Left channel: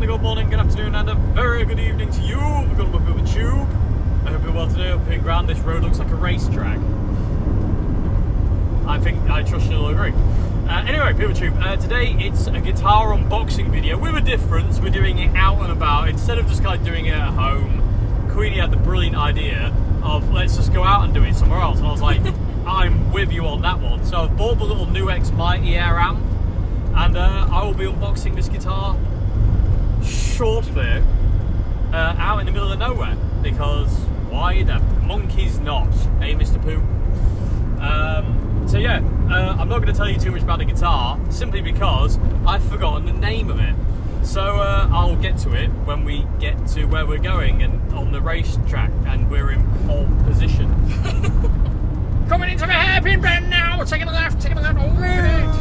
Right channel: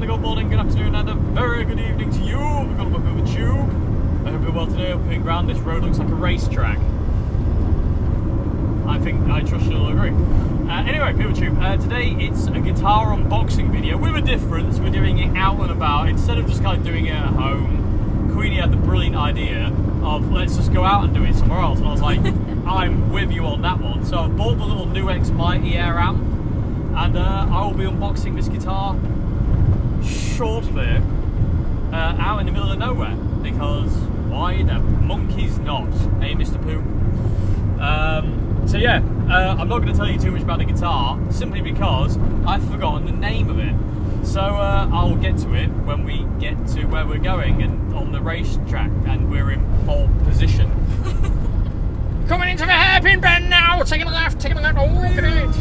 and a good morning, good afternoon, and a very good evening to you. We've got a bit of a tube. I hope you're well today. I'm feeling grand. This road looks like a racetrack. I trust you'll agree. Anyway, People Tube, today it's a guitar unboxing video with a difference. We're doing it out and about. Instead of just kind of doing it at home, Queenie had the brilliant idea of let's just go out and do it somewhere else. And I was like, I'm with you on that one. So I've bought the little new X Mighty Air Amp, and I will be unboxing this guitar shortly out in the middle of nowhere, because why the monkey's not, eh, Mr. Pooh? So yeah, I'm not going to tell you too much about the guitar, simply because I've forgotten the name of it. So I'll get to it when we get to where we're going and on the racetrack, and we're in pole position. Coming into the hairpin bend now, taking a left, oh look at it.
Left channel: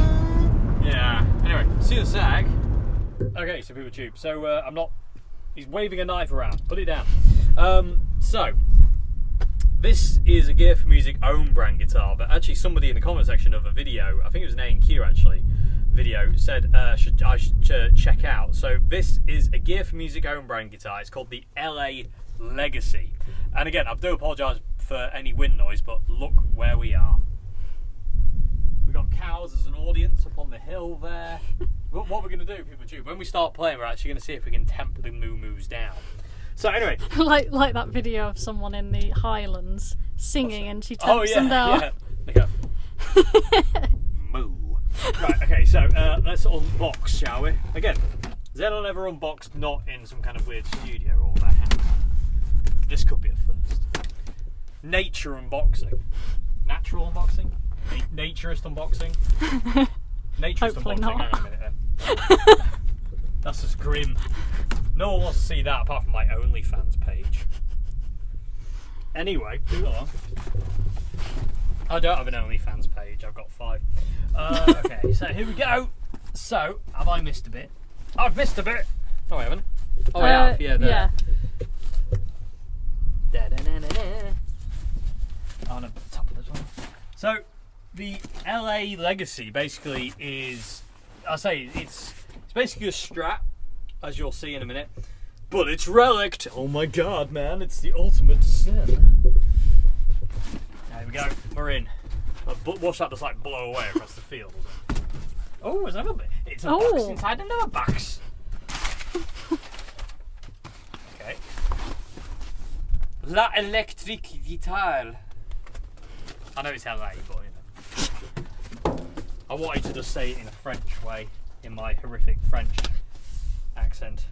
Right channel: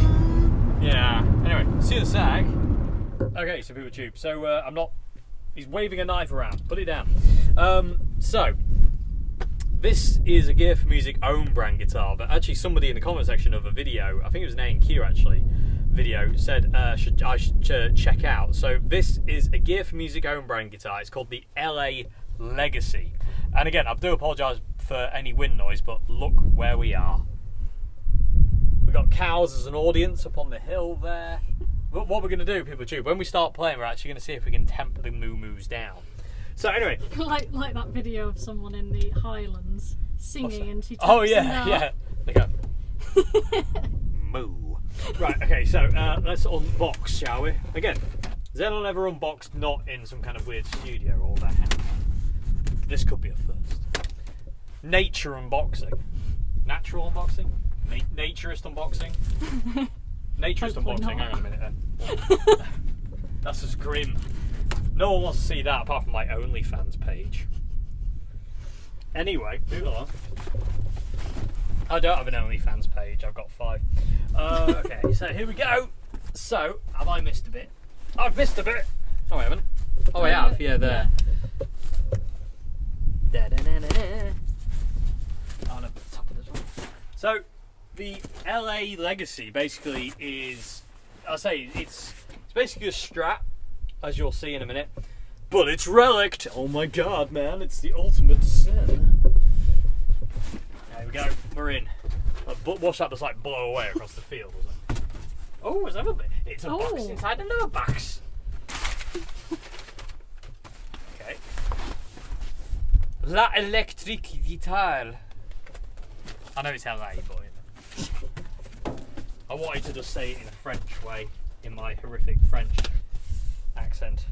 Yeah, anyway, see you in a sec. Okay, so People Tube, so he's waving a knife around, put it down. So, this is a Gear for Music own brand guitar, but actually somebody in the comment section of a video, I think it was an A&Q actually, video, said I should check out. So this is a Gear for Music own brand guitar. It's called the LA Legacy. And again, I do apologise for any wind noise, but look where we are. We've got cows as an audience up on the hill there. What we're going to do, People Tube, when we start playing, we're actually going to see if we can tempt the moo-moos down. So anyway, like that video of someone in the Highlands singing, and she taps oh them down. yeah. Look up. Moo. Right. Okay. So let's unbox, shall we? Again, Zenon never unboxed not in some kind of weird studio or their house. This could be a first. Nature unboxing. Natural unboxing. Naturist unboxing. Naturist unboxing. Not. Hang on a minute then. That's just grim. No one wants to see that apart from my OnlyFans page. Anyway, move along. I don't have an OnlyFans page, I've got 5. Okay, so here we go. So, have I missed a bit? I've missed a bit! No, I haven't. Oh, I have, yeah, there. Yeah. On the top of this one. So, the LA Legacy basically is, it's basically a Strat, as you'll see in a minute, but it's relict. Oh my god, man, it's the ultimate sin. There we go, we're in. But watch that just like blow away across the field, doesn't it? Oh, there's another bit. It's a box inside another box. Okay. La Electric Guitar. I know it's LA, but you know. I wanted to just say it in a French way, in my horrific French accent.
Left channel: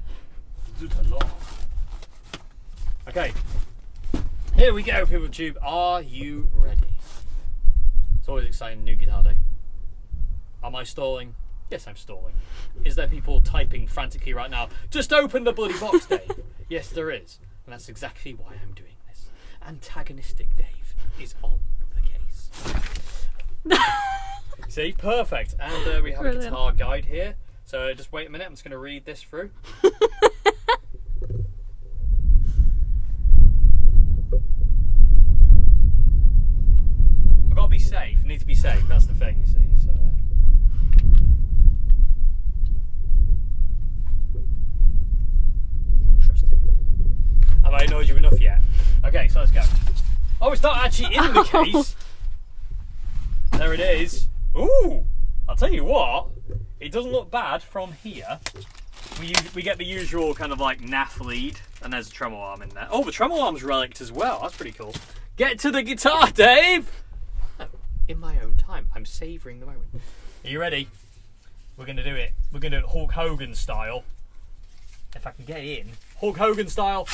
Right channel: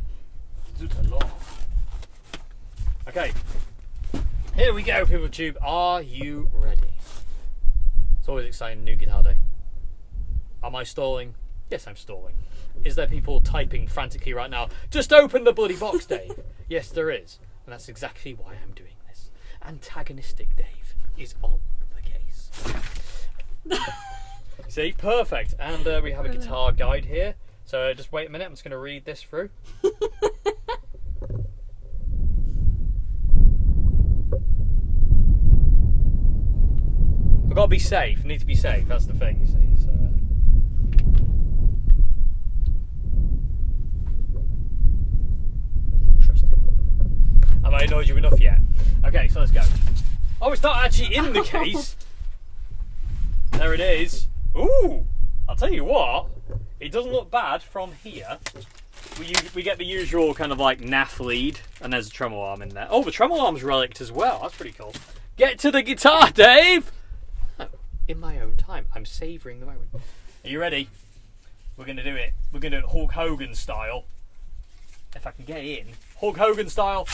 Okay, here we go, People Tube. Are you ready? It's always exciting, new guitar day. Am I stalling? Yes, I'm stalling. Is there people typing frantically right now? Just open the bloody box, Dave. Yes, there is, and that's exactly why I'm doing this. Antagonistic Dave is on the case. See, perfect. And we have a guitar guide here. So just wait a minute, I'm just going to read this through. I've got to be safe, I need to be safe, that's the thing, you see. So, interesting. Have I annoyed you enough yet? Okay, so let's go. Oh, it's not actually in the case. There it is. Ooh, I'll tell you what. It doesn't look bad from here. We get the usual kind of like NAF lead, and there's a tremolo arm in there. Oh, the tremolo arm's relict as well. That's pretty cool. Get to the guitar, Dave! Oh, in my own time. I'm savouring the moment. Are you ready? We're going to do it. We're going to do it Hulk Hogan style. If I can get in. Hulk Hogan style.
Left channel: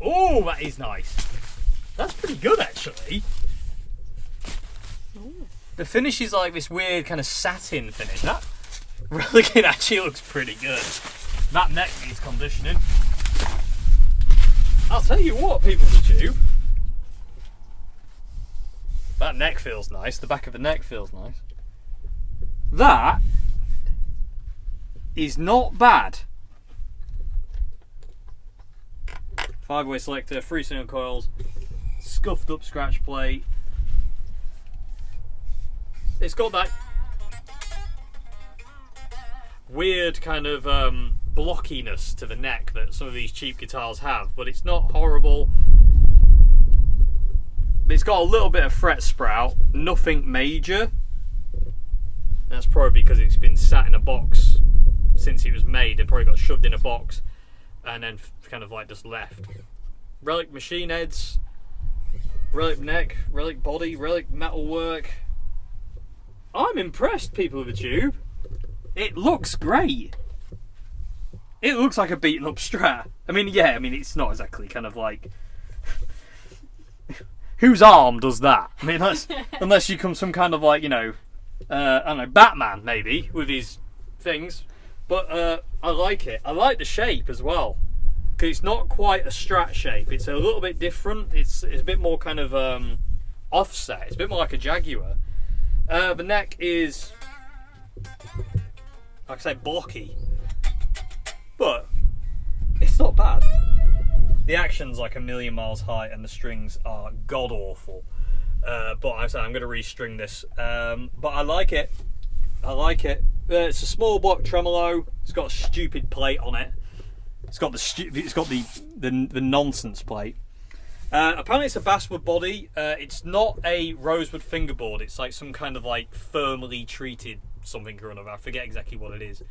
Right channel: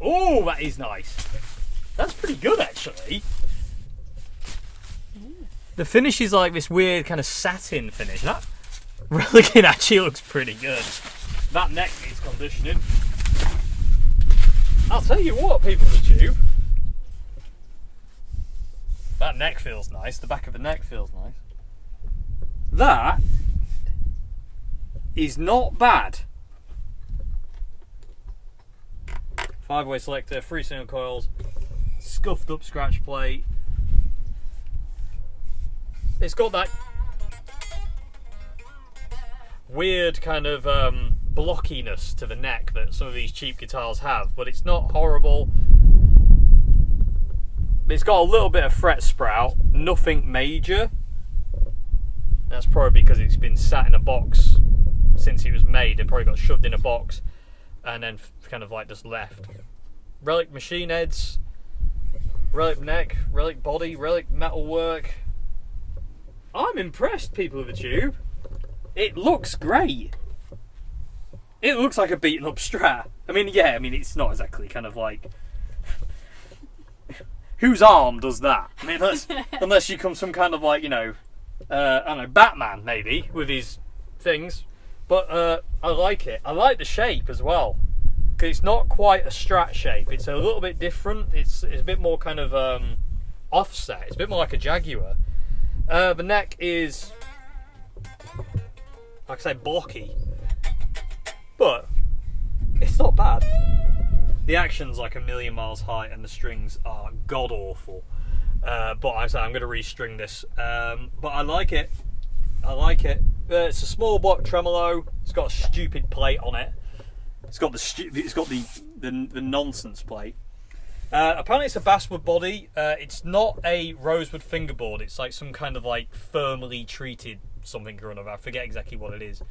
Oh, that is nice. That's pretty good, actually. The finish is like this weird kind of satin finish. That relic actually looks pretty good. That neck needs conditioning. I'll tell you what, People of the Tube. That neck feels nice. The back of the neck feels nice. That is not bad. 5-way selector, 3 single coils, scuffed up scratch plate. It's got that weird kind of blockiness to the neck that some of these cheap guitars have, but it's not horrible. It's got a little bit of fret sprout, nothing major. That's probably because it's been sat in a box since it was made. It probably got shoved in a box and then kind of like just left. Relic machine heads, relic neck, relic body, relic metalwork. I'm impressed, people of the tube. It looks great. It looks like a beaten up Strat. I mean, yeah, it's not exactly kind of like... Whose arm does that? I mean, unless you come some kind of like, I don't know, Batman maybe, with his things. But I like it. I like the shape as well. Because it's not quite a Strat shape. It's a little bit different. It's a bit more kind of offset. It's a bit more like a Jaguar. The neck is, like I say, blocky. But it's not bad. The action's like a million miles high and the strings are god awful. But I'm going to restring this. But I like it. It's a small block tremolo. It's got a stupid plate on it. It's got the nonsense plate. Apparently it's a basswood body. It's not a rosewood fingerboard. It's like some kind of like firmly treated something or another. I forget exactly what it is.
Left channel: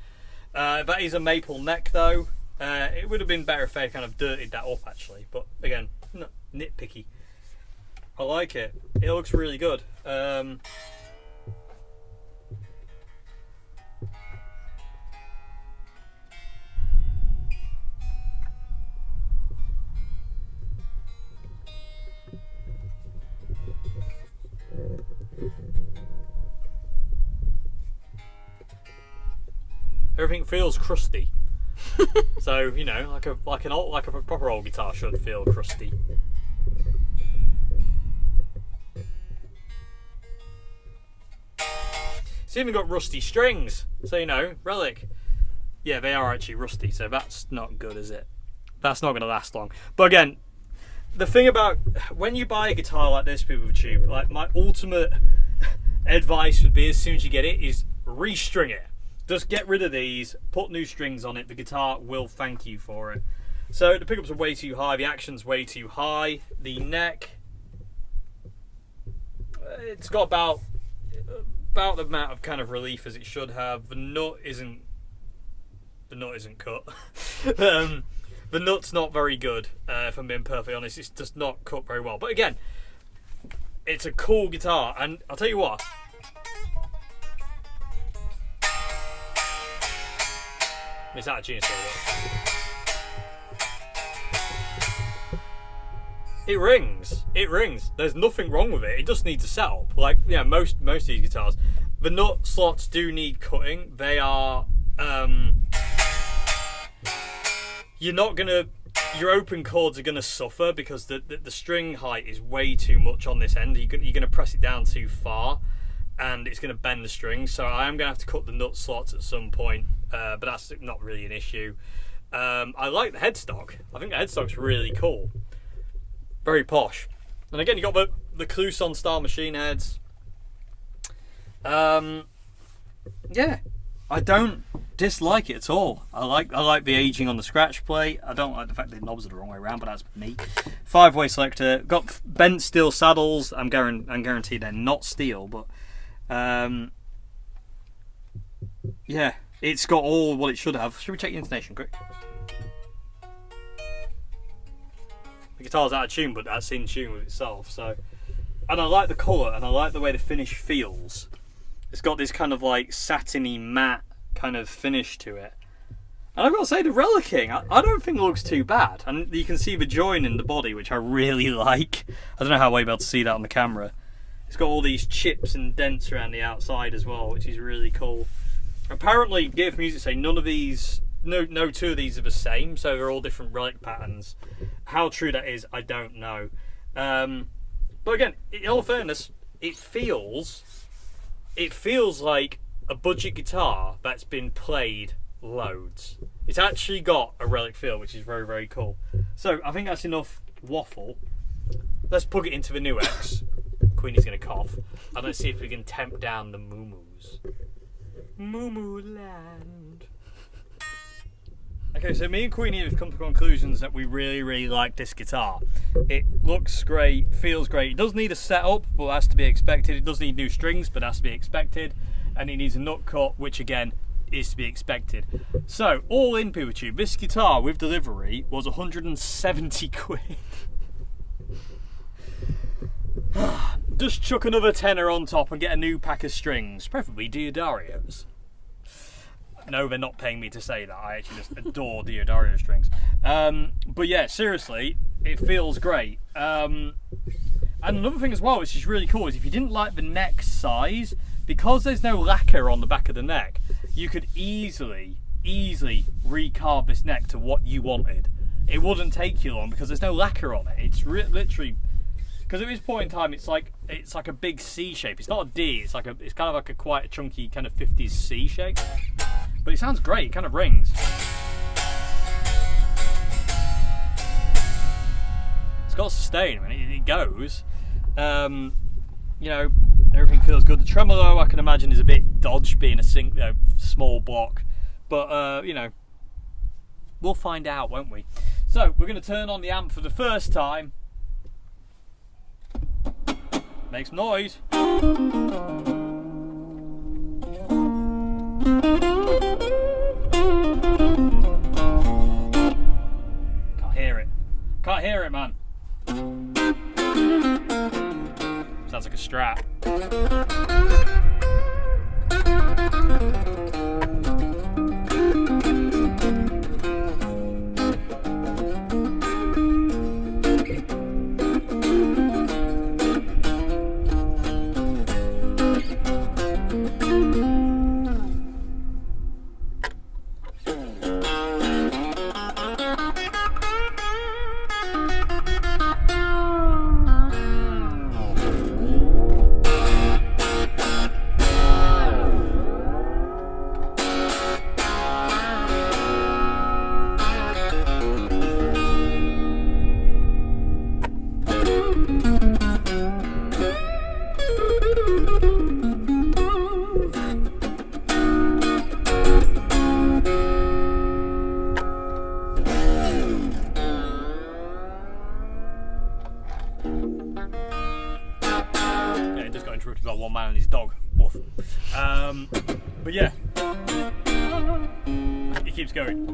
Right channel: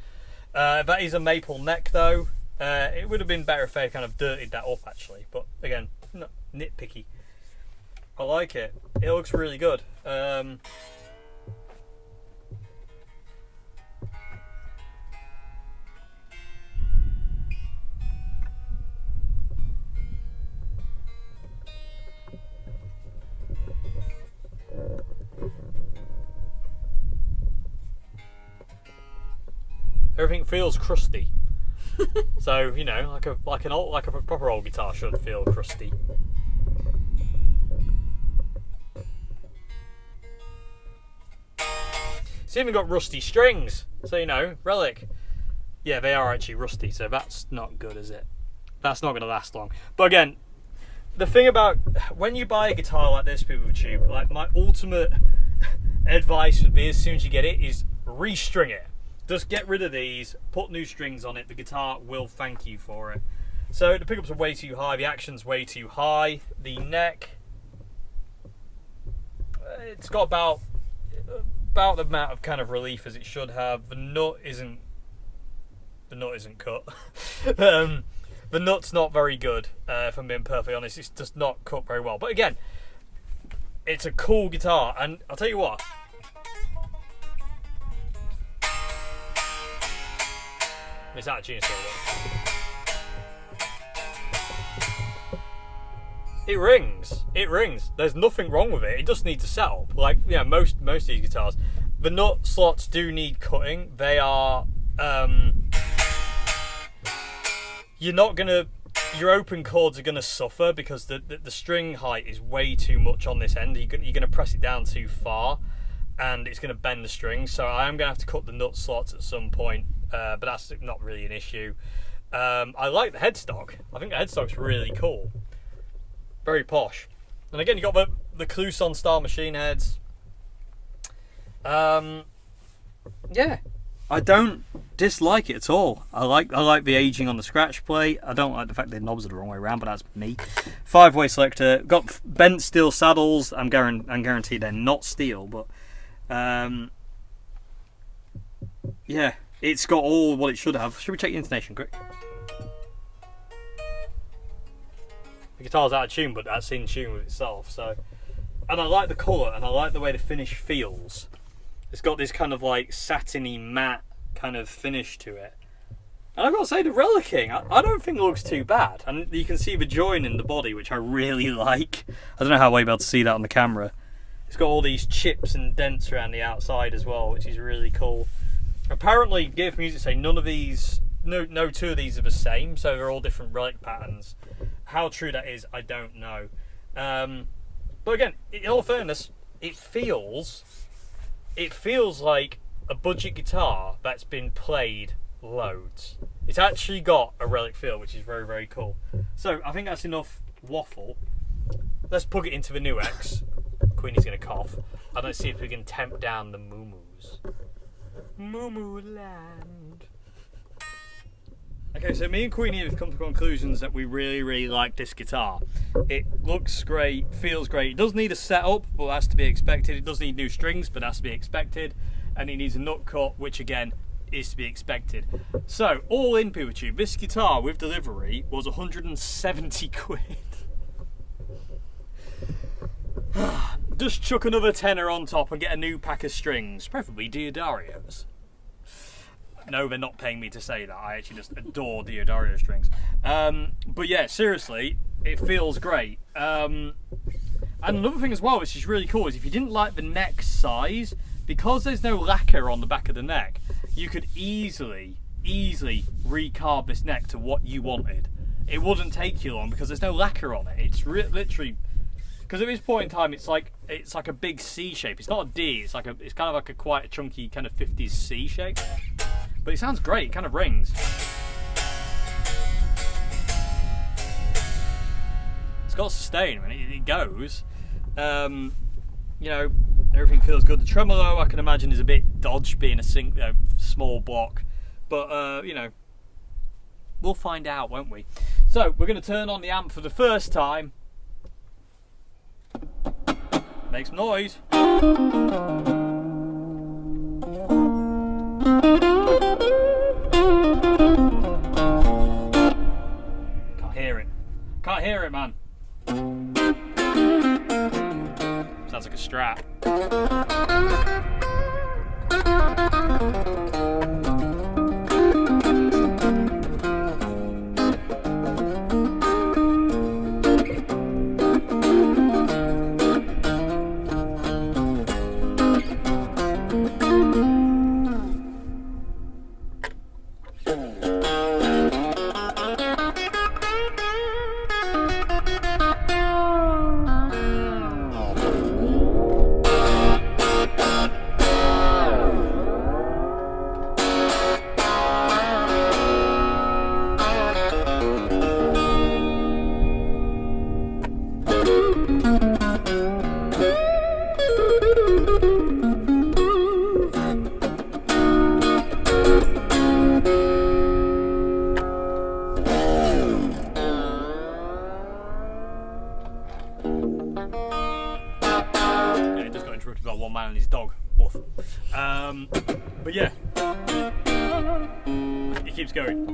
That is a maple neck though. It would have been better if they kind of dirtied that up actually. But again, not nitpicky. I like it. It looks really good. Everything feels crusty. So, like a proper old guitar should feel crusty. It's even got rusty strings. So, Relic. Yeah, they are actually rusty, so that's not good, is it? That's not going to last long. But again, the thing about when you buy a guitar like this, people of Tube, like my ultimate advice would be as soon as you get it is restring it. Just get rid of these, put new strings on it, the guitar will thank you for it. So the pickups are way too high, the action's way too high, the neck, it's got about the amount of kind of relief as it should have. The nut isn't cut. The nut's not very good, if I'm being perfectly honest. It's just not cut very well. But again, it's a cool guitar, and I'll tell you what, it's out of tune still. It rings. There's nothing wrong with it. It just needs a setup. Like, most of these guitars. The nut slots do need cutting. They are your open chords are gonna suffer because the string height is way too much on this end. You're gonna press it down too far and it's gonna bend the strings. So I am gonna have to cut the nut slots at some point. But that's not really an issue. I like the headstock. I think the headstock's really cool. Very posh. And again, you got the Clouson style machine heads. Yeah, I don't dislike it at all. I like the aging on the scratch plate. I don't like the fact the knobs are the wrong way around, but that's me. 5-way selector. Got bent steel saddles. I'm guaranteed they're not steel, but yeah. It's got all what it should have. Should we check the intonation quick? The guitar's out of tune, but that's in tune with itself. So, and I like the colour, and I like the way the finish feels. It's got this kind of like satiny matte kind of finish to it. And I've got to say, the relicking, I don't think it looks too bad. And you can see the join in the body, which I really like. I don't know how well you'll be able to see that on the camera. It's got all these chips and dents around the outside as well, which is really cool. Apparently, Gear for Music say no two of these are the same, so they're all different relic patterns. How true that is, I don't know. But again, in all fairness, it feels like a budget guitar that's been played loads. It's actually got a relic feel, which is very, very cool. So I think that's enough waffle. Let's plug it into the new X. Queenie's going to cough. And let's see if we can temp down the moo-moos. Moo-moo land. Okay, so me and Queenie have come to conclusions that we really like this guitar. It looks great, feels great. It does need a setup, but that's to be expected. It does need new strings, but that's to be expected. And it needs a nut cut, which again is to be expected. So, all in, PeopleTube, this guitar with delivery was 170 quid. Just chuck another tenner on top and get a new pack of strings, preferably Diodarios. No, they're not paying me to say that. I actually just adore Diodario strings. But yeah, seriously, it feels great. And another thing as well, which is really cool, is if you didn't like the neck size, because there's no lacquer on the back of the neck, you could easily recarve this neck to what you wanted. It wouldn't take you long because there's no lacquer on it. It's literally, because at this point in time, it's like a big C shape. It's not a D. It's kind of like a quite a chunky kind of 50s C shape. But it sounds great. It kind of rings. It's got sustain. I mean, it goes. You know, everything feels good. The tremolo, I can imagine, is a bit dodged, being a small block. But you know, we'll find out, won't we? So we're going to turn on the amp for the first time. Make some noise. Can't hear it, man. Sounds like a Strat. Interrupted by one man and his dog. Woof. But yeah, it keeps going.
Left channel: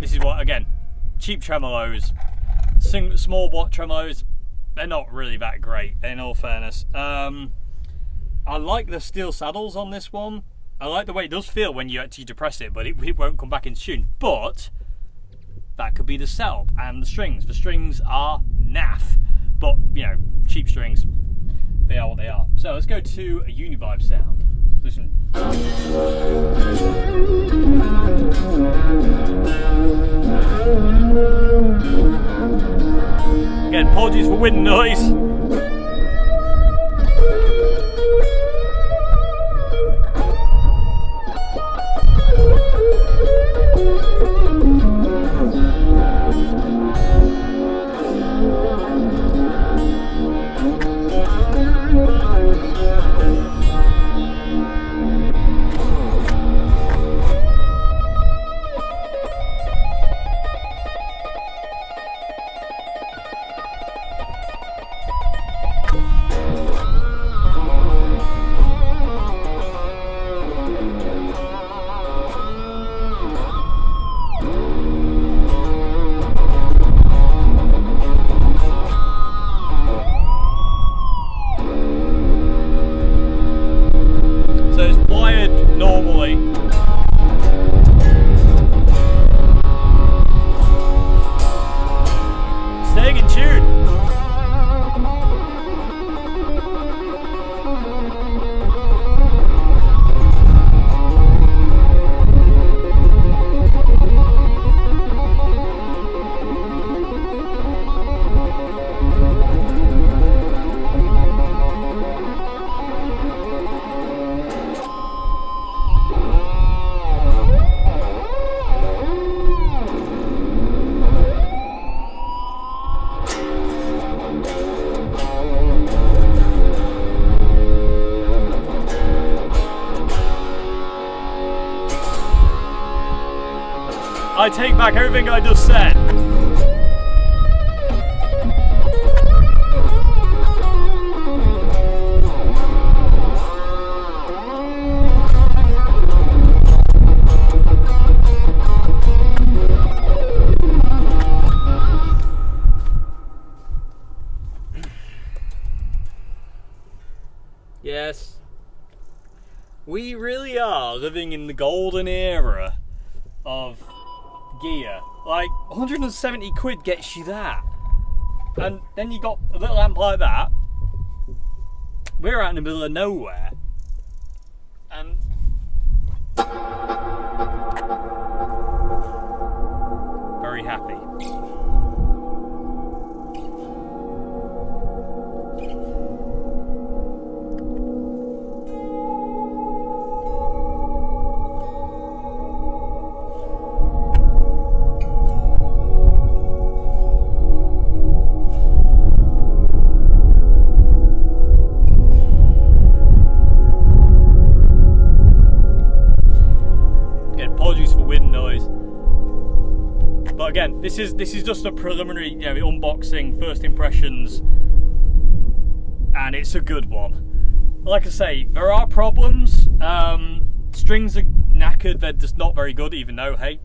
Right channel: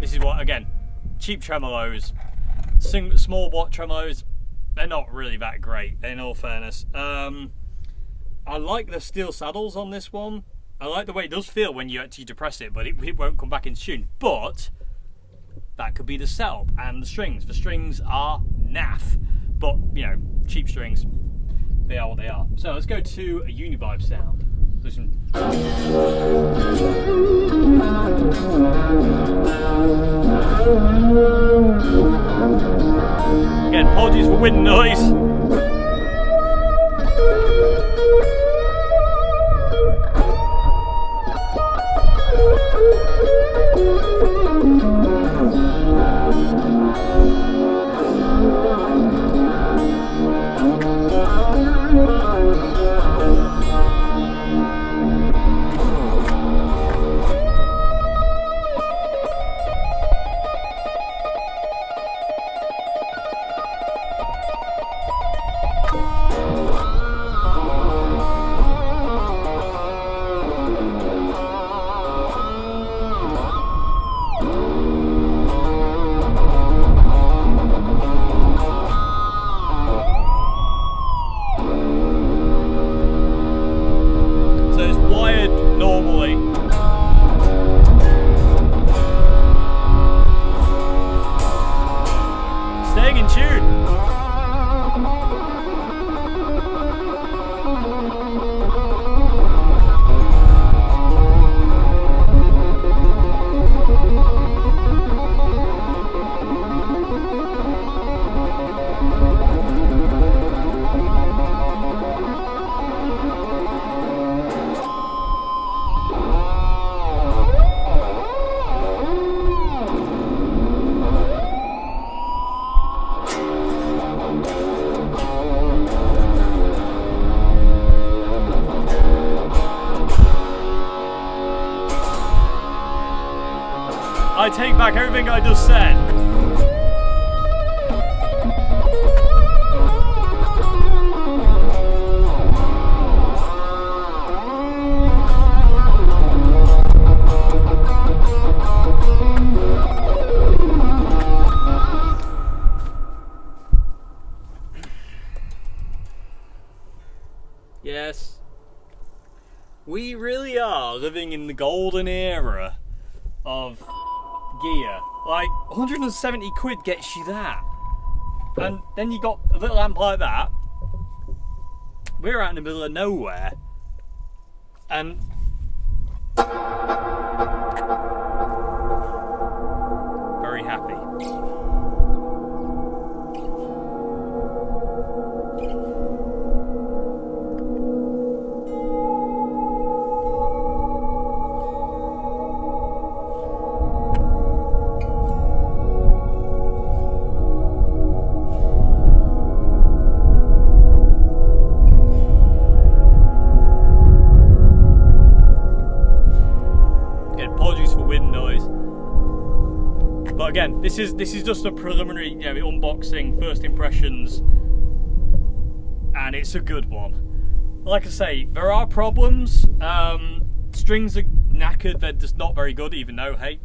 This is what, again, cheap tremolos, small block tremolos, they're not really that great, in all fairness. I like the steel saddles on this one. I like the way it does feel when you actually depress it, but it won't come back into tune. But that could be the setup and the strings. The strings are naff, but you know, cheap strings, they are what they are. So let's go to a Univibe sound. Listen. Again, apologies for wind noise. Normally. Staying in tune. I take back everything I just said. Yes, we really are living in the golden era of gear. Like, 170 quid gets you that. And then you got a little amp like that. We're out in the middle of nowhere. And very happy. Apologies for wind noise, but again, this is just a preliminary, unboxing, first impressions, and it's a good one. Like I say, there are problems. Strings are knackered; they're just not very good. Even though, hey,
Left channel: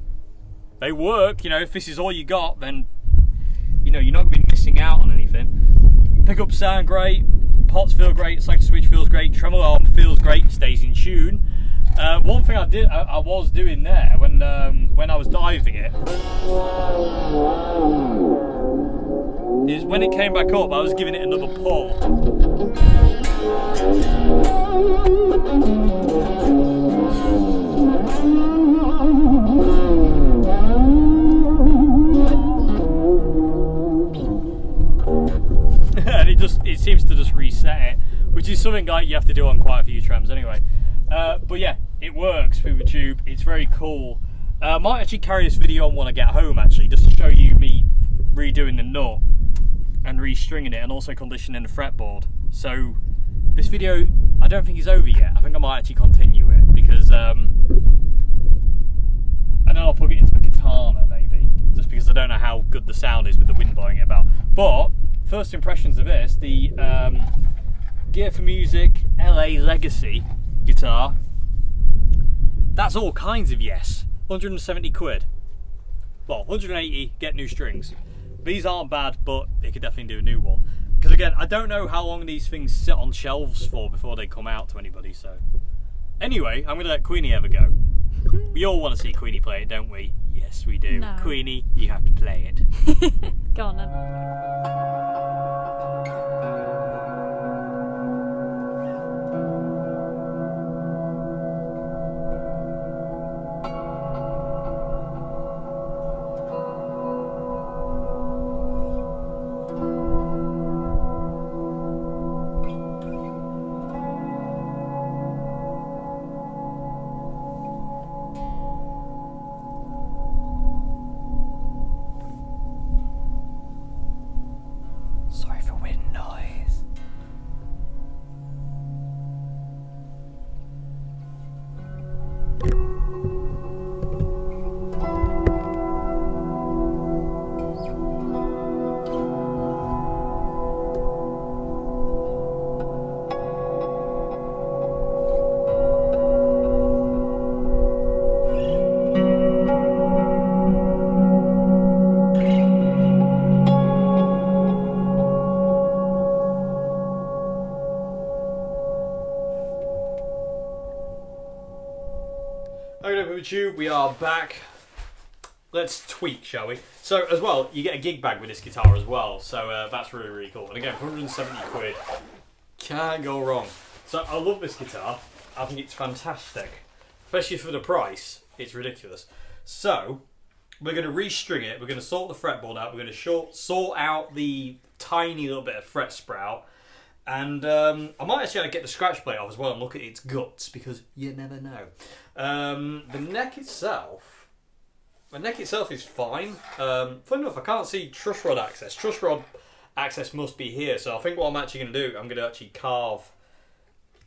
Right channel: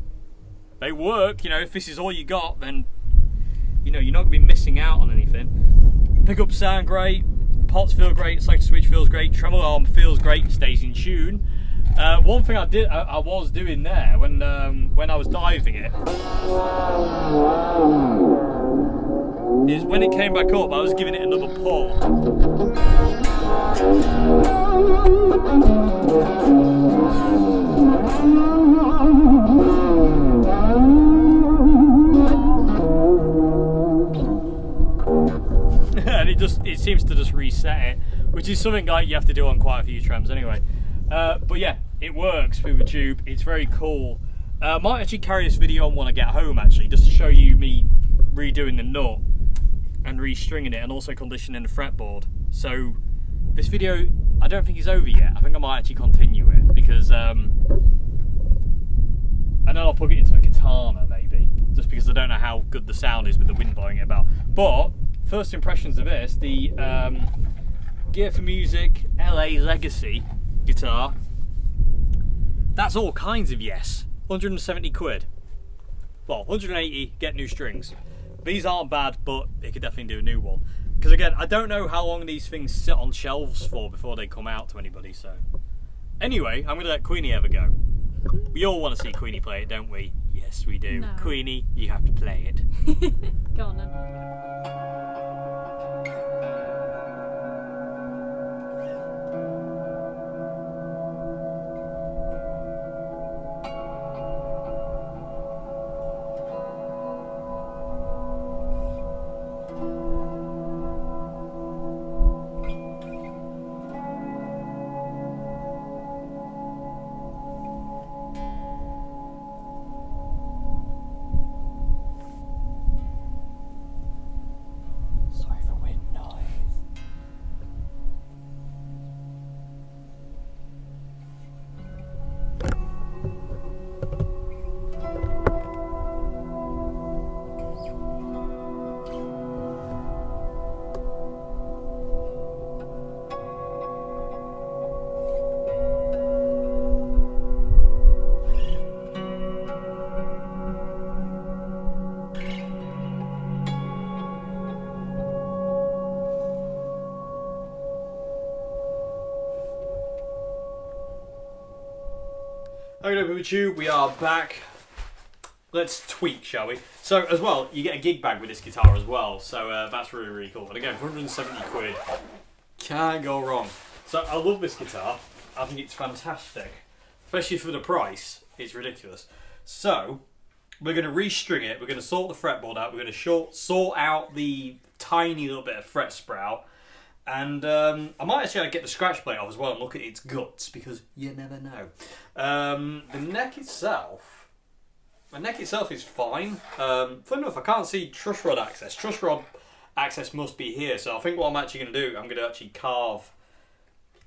they work. If this is all you got, then you're not gonna be missing out on anything. Pickups sound great, pots feel great, selector switch feels great, tremolo arm feels great, stays in tune. One thing I was doing there when I was diving it is when it came back up, I was giving it another pull. And it seems to just reset it, which is something like you have to do on quite a few trams anyway. But yeah, it works with the tube. It's very cool. I might actually carry this video on when I get home, actually, just to show you me redoing the nut and restringing it, and also conditioning the fretboard. So this video, I don't think is over yet. I think I might actually continue it because and then I'll plug it into the Katana maybe, just because I don't know how good the sound is with the wind blowing it about. But first impressions of this, the Gear for Music LA Legacy guitar, that's all kinds of yes. 170 quid. Well, 180, get new strings. These aren't bad, but it could definitely do a new one. Because again, I don't know how long these things sit on shelves for before they come out to anybody, so. Anyway, I'm going to let Queenie have a go. We all want to see Queenie play it, don't we? Yes, we do. No. Queenie, you have to play it. Go on then. Sorry for wind noise. Okay, YouTube, we are back. Let's tweak, shall we? So, as well, you get a gig bag with this guitar as well, so that's really, really cool. And again, 170 quid, can't go wrong. So, I love this guitar. I think it's fantastic. Especially for the price, it's ridiculous. So, we're going to restring it, we're going to sort the fretboard out, we're going to sort out the tiny little bit of fret sprout. And I might actually get the scratch plate off as well and look at its guts, because you never know. The neck itself is fine. Funny enough, I can't see truss rod access. Truss rod access must be here, so I think what I'm actually going to do, I'm going to actually carve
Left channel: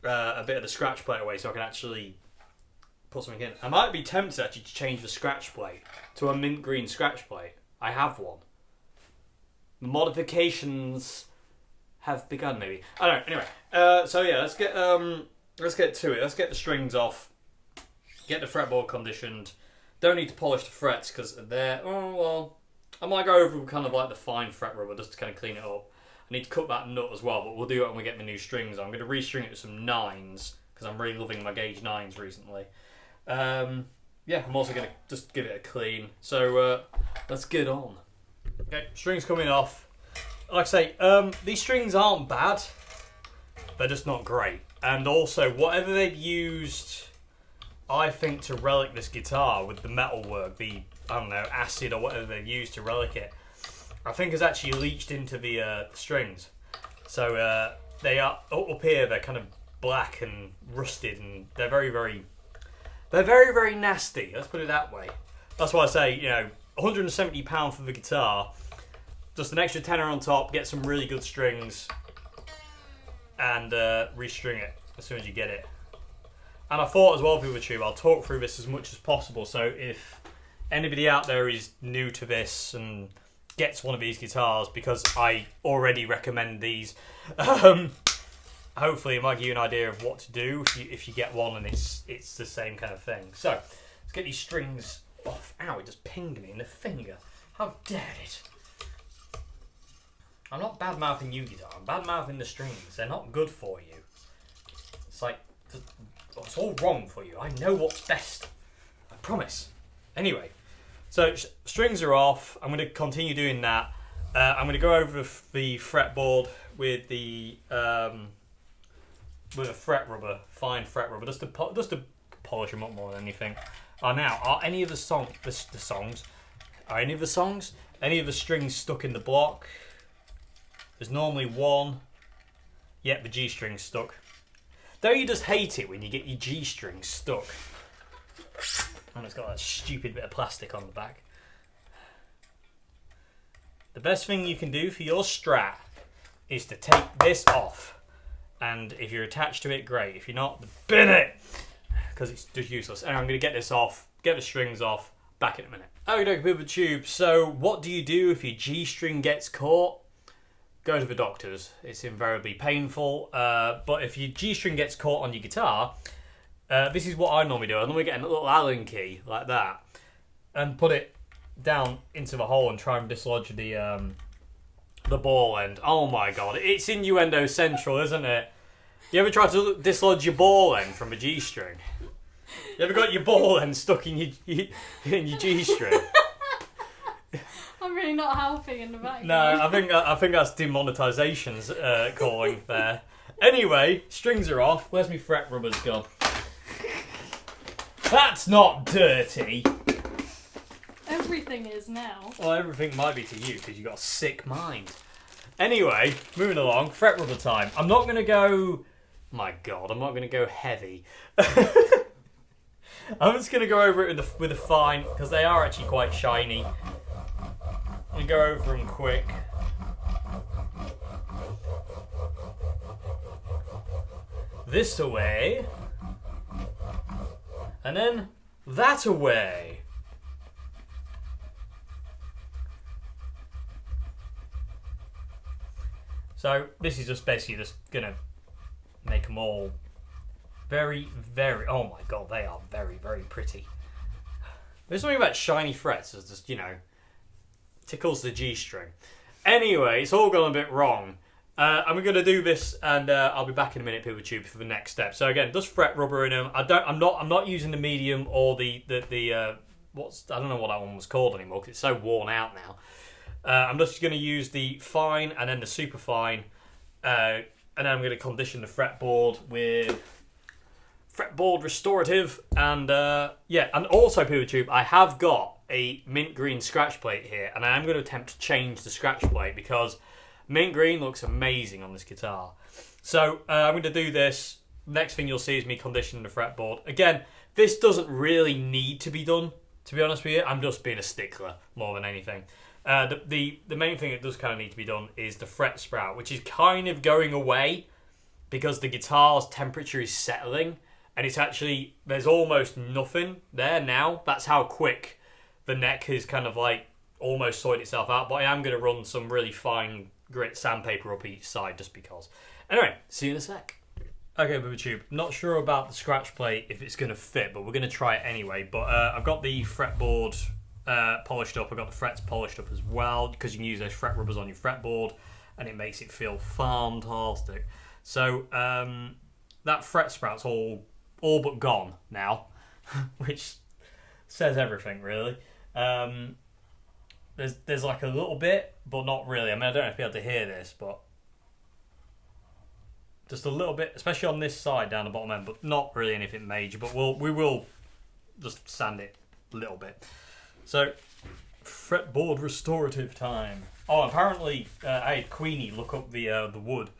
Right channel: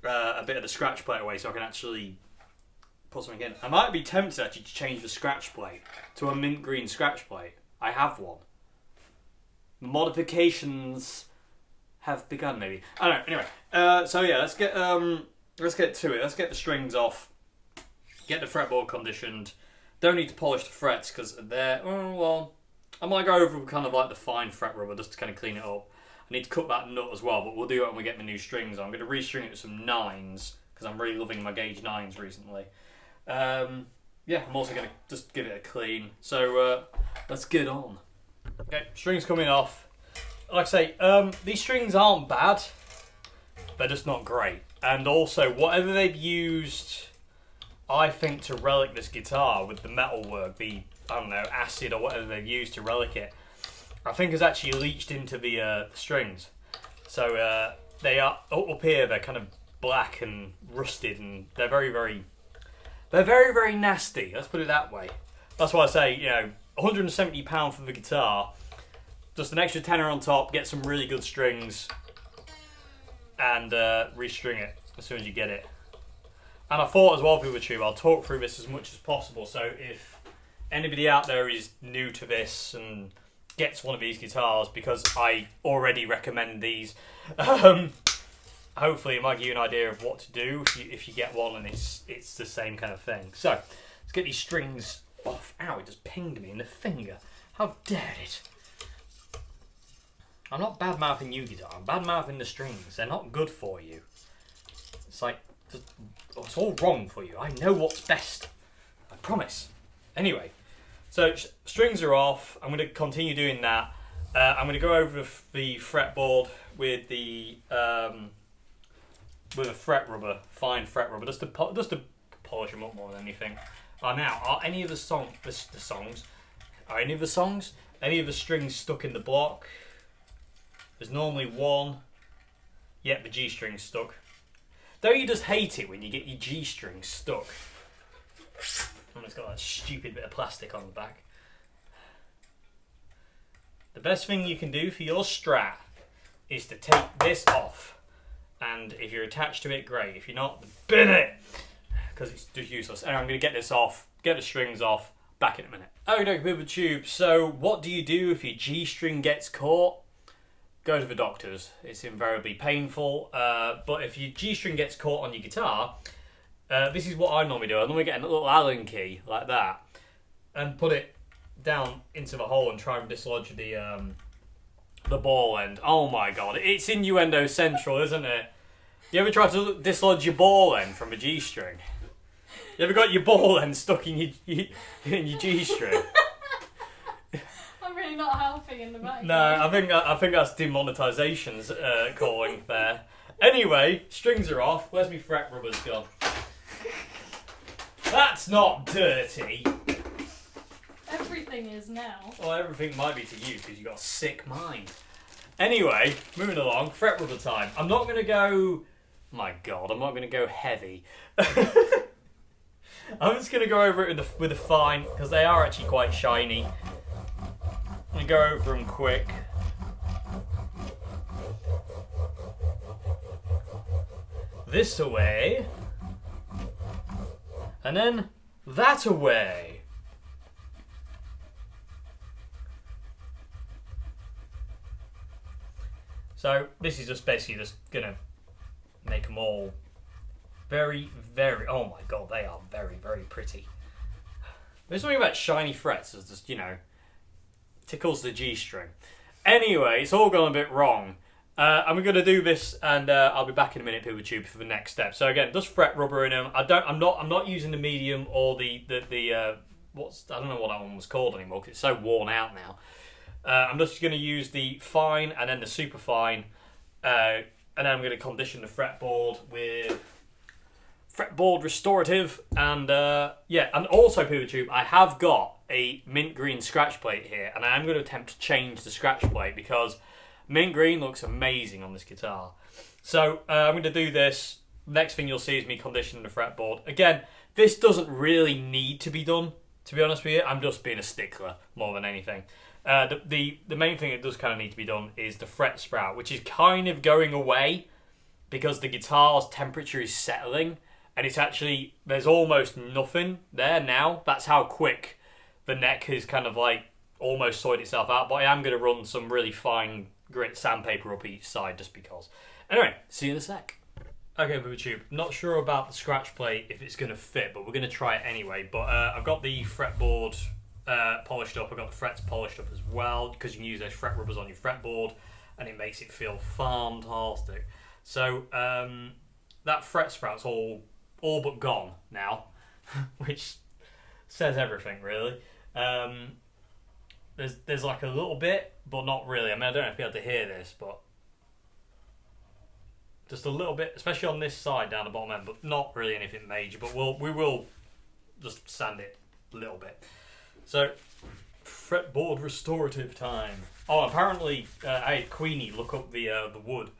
a bit of the scratch plate away so I can actually put something in. I might be tempted actually to change the scratch plate to a mint green scratch plate. I have one. The modifications have begun, maybe. I don't know. Anyway, so yeah, let's get to it. Let's get the strings off. Get the fretboard conditioned. Don't need to polish the frets because they're, oh well, I might go over with kind of like the fine fret rubber just to kind of clean it up. I need to cut that nut as well, but we'll do it when we get my new strings on. I'm going to restring it with some 9s because I'm really loving my gauge 9s recently. Yeah, I'm also going to just give it a clean. So let's get on. Okay, strings coming off. Like I say, these strings aren't bad. They're just not great. And also, whatever they've used, I think, to relic this guitar with the metalwork, the, I don't know, acid or whatever they've used to relic it, I think has actually leached into the strings. So they are, up here, they're kind of black and rusted, and they're very, very nasty. Let's put it that way. That's why I say, you know, £170 for the guitar, just an extra tenner on top, get some really good strings, and restring it as soon as you get it. And I thought as well, PeopleTube, I'll talk through this as much as possible, so if anybody out there is new to this and gets one of these guitars, because I already recommend these, hopefully it might give you an idea of what to do if you get one and it's the same kind of thing. So, let's get these strings off. Ow, it just pinged me in the finger. How dare it? I'm not bad-mouthing you, guitar. I'm bad-mouthing the strings. They're not good for you. It's like, it's all wrong for you. I know what's best. I promise. Anyway, so strings are off. I'm going to continue doing that. I'm going to go over the fretboard with the with a fret rubber, fine fret rubber, just to polish them up more than anything. Now, are any of the songs? Are any of the songs? Any of the strings stuck in the block? There's normally one. Yep, the G string's stuck. Don't you just hate it when you get your G string stuck? And it's got that stupid bit of plastic on the back. The best thing you can do for your Strat is to take this off. And if you're attached to it, great. If you're not, bin it! Because it's just useless. And I'm going to get this off, get the strings off, back in a minute. Okay, PeopleTube. So what do you do if your G string gets caught? Go to the doctors. It's invariably painful. But if your G string gets caught on your guitar, this is what I normally do. I normally get a little Allen key like that and put it down into the hole and try and dislodge the ball end. Oh my god, it's innuendo central, isn't it? You ever tried to dislodge your ball end from a G string? You ever got your ball end stuck in your G string? I'm really not helping in the back. No, I think that's demonetization's calling there. Anyway, strings are off. Where's my fret rubbers gone? That's not dirty. Everything is now. Well, everything might be to you because you've got a sick mind. Anyway, moving along, fret rubber time. I'm not going to go... My god, I'm not going to go heavy. I'm just going to go over it with a fine, because they are actually quite shiny. I'm going to go over them quick. This away. And then that away. So this is just basically just gonna make them all very, very, oh my god, they are very, very pretty. There's something about shiny frets that just, you know, tickles the G string. Anyway, it's all gone a bit wrong. I'm going to do this, and I'll be back in a minute, PeopleTube, for the next step. So again, just fret rubber in them. I'm not using the medium or the what's, I don't know what that one was called anymore because it's so worn out now. I'm just going to use the fine and then the super fine, and then I'm going to condition the fretboard with Fretboard Restorative, and yeah, and also PeopleTube, I have got a mint green scratch plate here, and I am going to attempt to change the scratch plate because mint green looks amazing on this guitar. So I'm going to do this. Next thing you'll see is me conditioning the fretboard. Again, this doesn't really need to be done, to be honest with you. I'm just being a stickler more than anything. The main thing that does kind of need to be done is the fret sprout, which is kind of going away because the guitar's temperature is settling, and it's actually, there's almost nothing there now. That's how quick the neck has kind of like almost sorted itself out. But I am going to run some really fine grit sandpaper up each side just because. Anyway, see you in a sec. Okay, BoobaTube, not sure about the scratch plate if it's going to fit, but we're going to try it anyway. But I've got the fretboard polished up. I've got the frets polished up as well, because you can use those fret rubbers on your fretboard and it makes it feel fantastic. So that fret sprout's all but gone now, which says everything really. There's like a little bit, but not really. I mean, I don't know if you're able to hear this, but just a little bit, especially on this side down the bottom end, but not really anything major. But we will just sand it a little bit. So, fretboard restorative time. Oh, apparently I had Queenie look up the wood.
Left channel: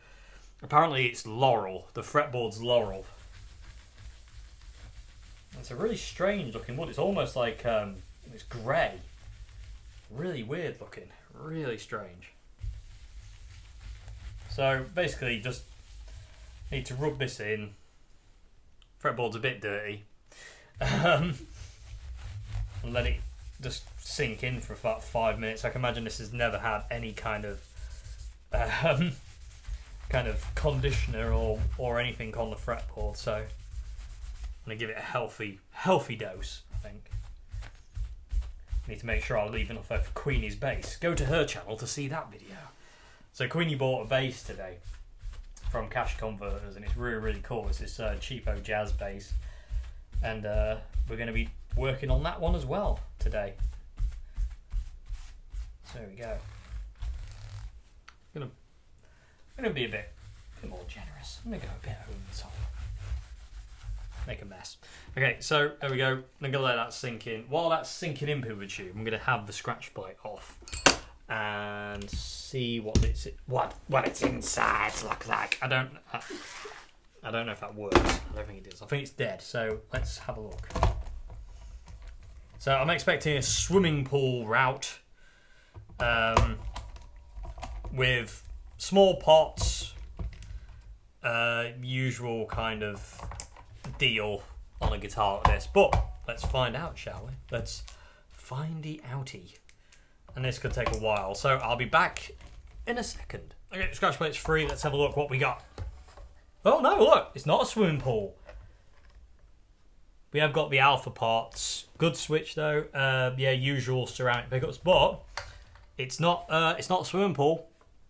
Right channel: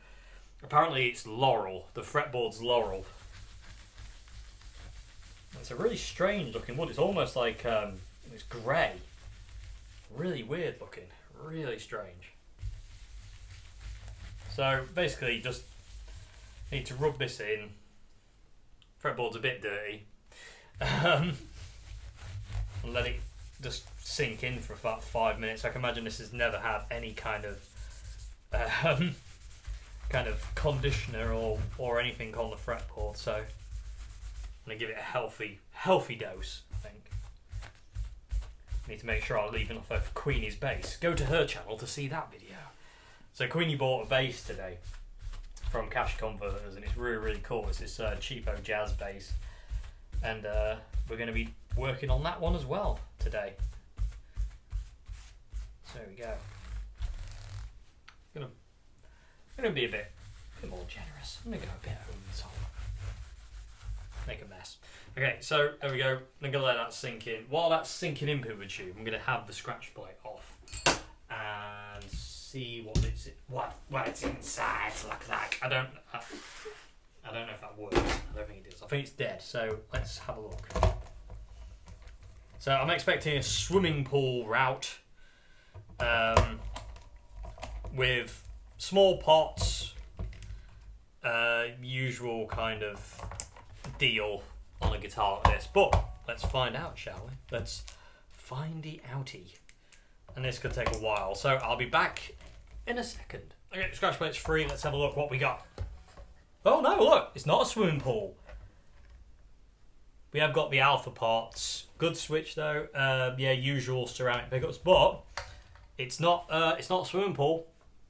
Apparently it's laurel. The fretboard's laurel. It's a really strange looking wood. It's almost like it's grey. Really weird looking. Really strange. So basically, just need to rub this in. Fretboard's a bit dirty. And let it just sink in for about 5 minutes. I can imagine this has never had any kind of conditioner or anything on the fretboard. So I'm gonna give it a healthy dose, I think. Need to make sure I leave enough over Queenie's bass. Go to her channel to see that video. So Queenie bought a bass today from Cash Converters, and it's really cool. It's this cheapo jazz bass, and we're going to be working on that one as well today. So there we go. I'm gonna be a bit more generous. I'm gonna go a bit over the top. Make a mess. Okay, so there we go. I'm gonna let that sink in. While that's sinking in, BoobaTube, I'm gonna have the scratch plate off and see what its insides look like. I don't know if that works. I don't think it does. I think it's dead. So let's have a look. So I'm expecting a swimming pool route with small pots, usual kind of deal on a guitar like this. But let's find out, shall we? Let's findy outy. And this could take a while, so I'll be back in a second. Okay, Scratchplate's free. Let's have a look what we got. Oh no, look, it's not a swimming pool. We have got the alpha parts. Good switch though. Yeah, usual ceramic pickups, but it's not a swimming pool.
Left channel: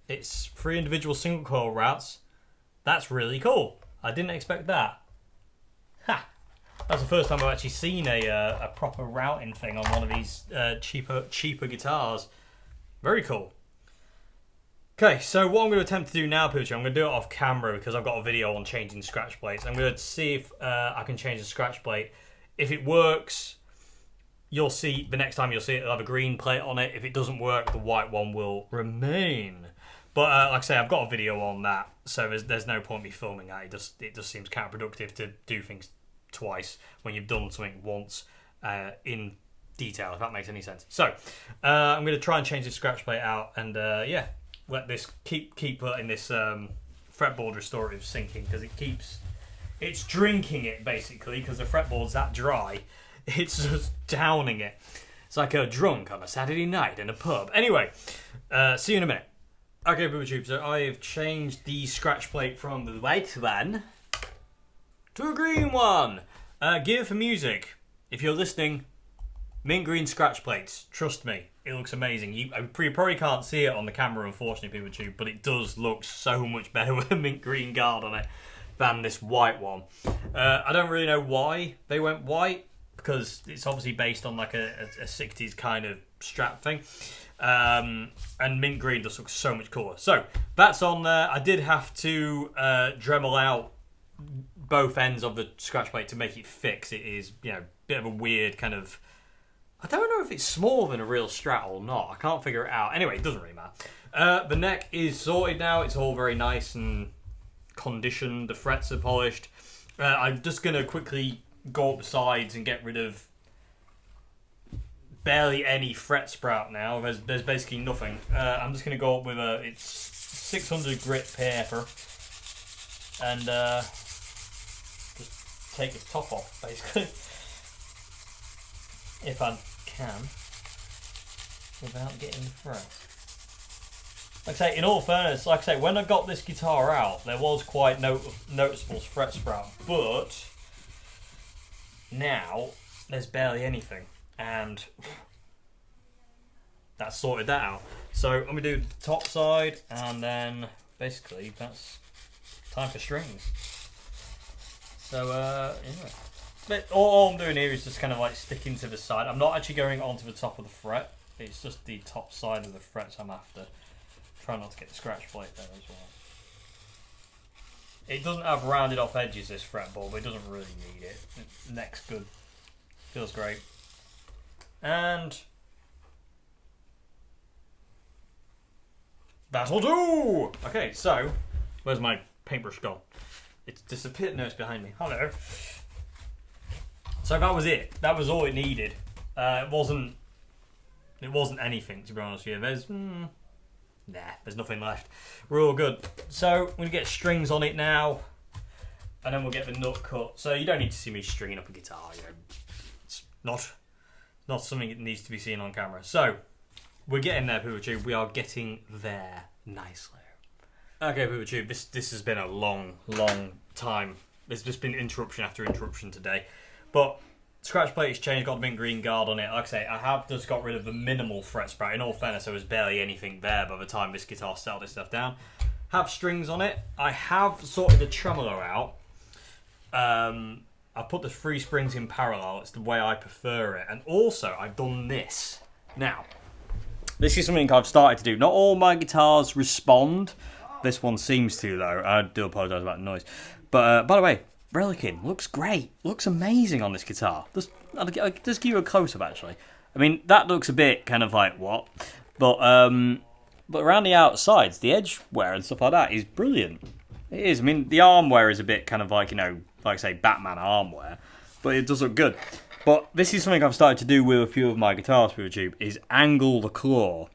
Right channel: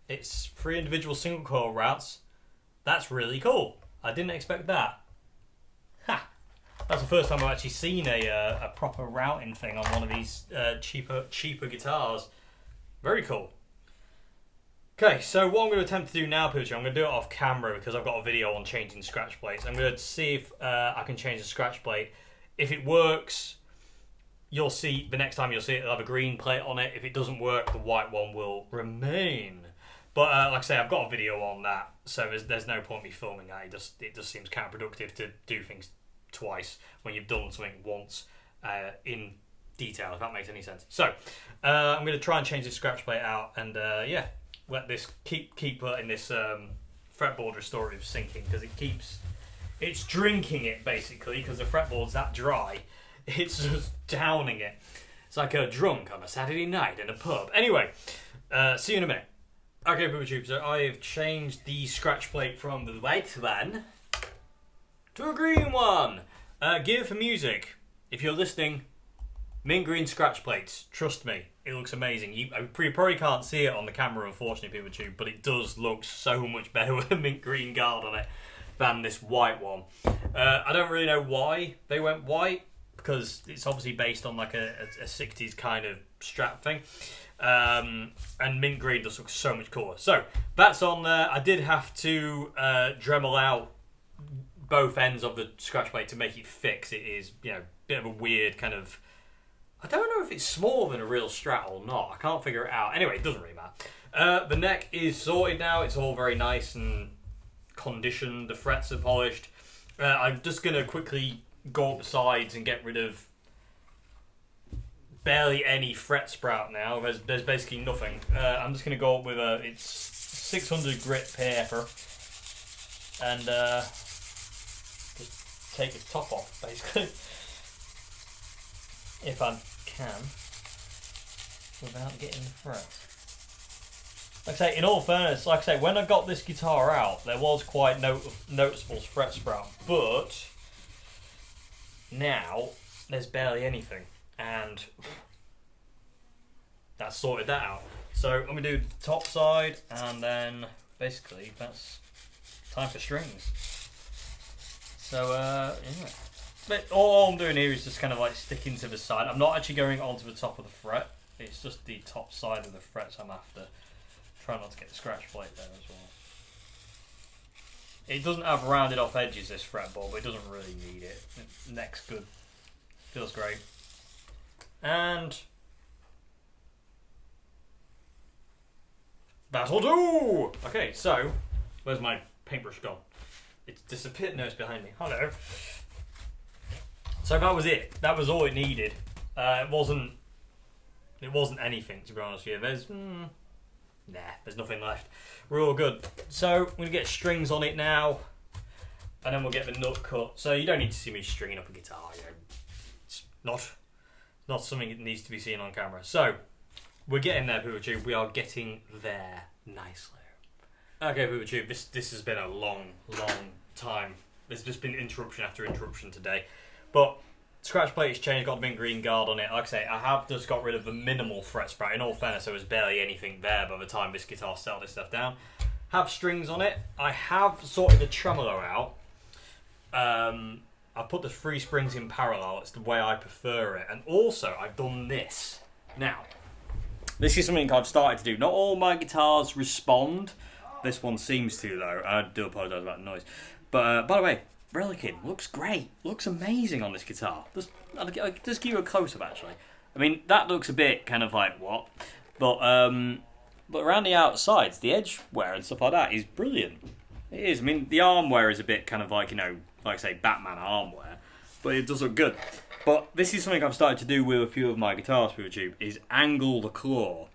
It's 3 individual single coil routes. That's really cool. I didn't expect that. Ha! That's the first time I've actually seen a proper routing thing on one of these cheaper guitars. Very cool. Okay, so what I'm going to attempt to do now, Poochie, I'm going to do it off camera because I've got a video on changing scratch plates. I'm going to see if I can change the scratch plate. If it works, you'll see, the next time you'll see it, it'll have a green plate on it. If it doesn't work, the white one will remain. But like I say, I've got a video on that, so there's no point me filming that. It just seems counterproductive to do things twice when you've done something once in detail, if that makes any sense. So I'm going to try and change the scratch plate out, and yeah, let this keep letting this fretboard restorative sinking, because it's drinking it basically, because the fretboard's that dry. It's just downing it. It's like a drunk on a Saturday night in a pub. Anyway, see you in a minute. Okay, BoobaTube, so I've changed the scratch plate from the white one to a green one. Gear for music. If you're listening, mint green scratch plates. Trust me, it looks amazing. You probably can't see it on the camera, unfortunately, BoobaTube, but it does look so much better with a mint green guard on it than this white one. I don't really know why they went white, because it's obviously based on like a 60s kind of strap thing. And mint green just looks so much cooler. So that's on there. I did have to Dremel out both ends of the scratch plate to make it fit. It is, you know, a bit of a weird kind of, I don't know if it's smaller than a real Strat or not. I can't figure it out. Anyway, it doesn't really matter. The neck is sorted now. It's all very nice and conditioned. The frets are polished. I'm just going to quickly go up the sides and get rid of barely any fret sprout now. There's basically nothing. I'm just going to go up with it's 600 grit paper, and just take this top off, basically, if I can, without getting the fret. Like I say, in all fairness, like I say, when I got this guitar out, there was quite noticeable fret sprout, but now there's barely anything, and that sorted that out. So I'm gonna do the top side, and then basically that's time for strings. So yeah, but all I'm doing here is just kind of like sticking to the side. I'm not actually going onto the top of the fret. It's just the top side of the frets I'm after. Try not to get the scratch plate there as well. It doesn't have rounded off edges, this fretboard, but it doesn't really need it. Neck's good. Feels great. And that'll do! Okay, so where's my paintbrush gone? It's disappeared. No, it's behind me. Hello. So that was it. That was all it needed. It wasn't anything, to be honest with you. There's nothing left. We're all good. So we're gonna get strings on it now, and then we'll get the nut cut. So you don't need to see me stringing up a guitar. You know, it's not something that needs to be seen on camera. So we're getting there, PooperTube. We are getting there nicely. Okay, PooperTube. This has been a long time. There's just been interruption after interruption today, but Scratchplate Changed, got the mint green guard on it. Like I say, I have just got rid of the minimal fret sprout. In all fairness, there was barely anything there by the time this guitar settled this stuff down. Have strings on it. I have sorted the tremolo out. I've put the 3 springs in parallel. It's the way I prefer it. And also, I've done this. Now, this is something I've started to do. Not all my guitars respond. This one seems to, though. I do apologise about the noise. But, by the way, Relican looks great. Looks amazing on this guitar. I'll just give you a close-up, actually. I mean, that looks a bit kind of like, what? But around the outsides, the edge wear and stuff like that is brilliant. It is. I mean, the arm wear is a bit kind of like, you know, like I say, Batman arm wear. But it does look good. But this is something I've started to do with a few of my guitars for YouTube, is angle the claw.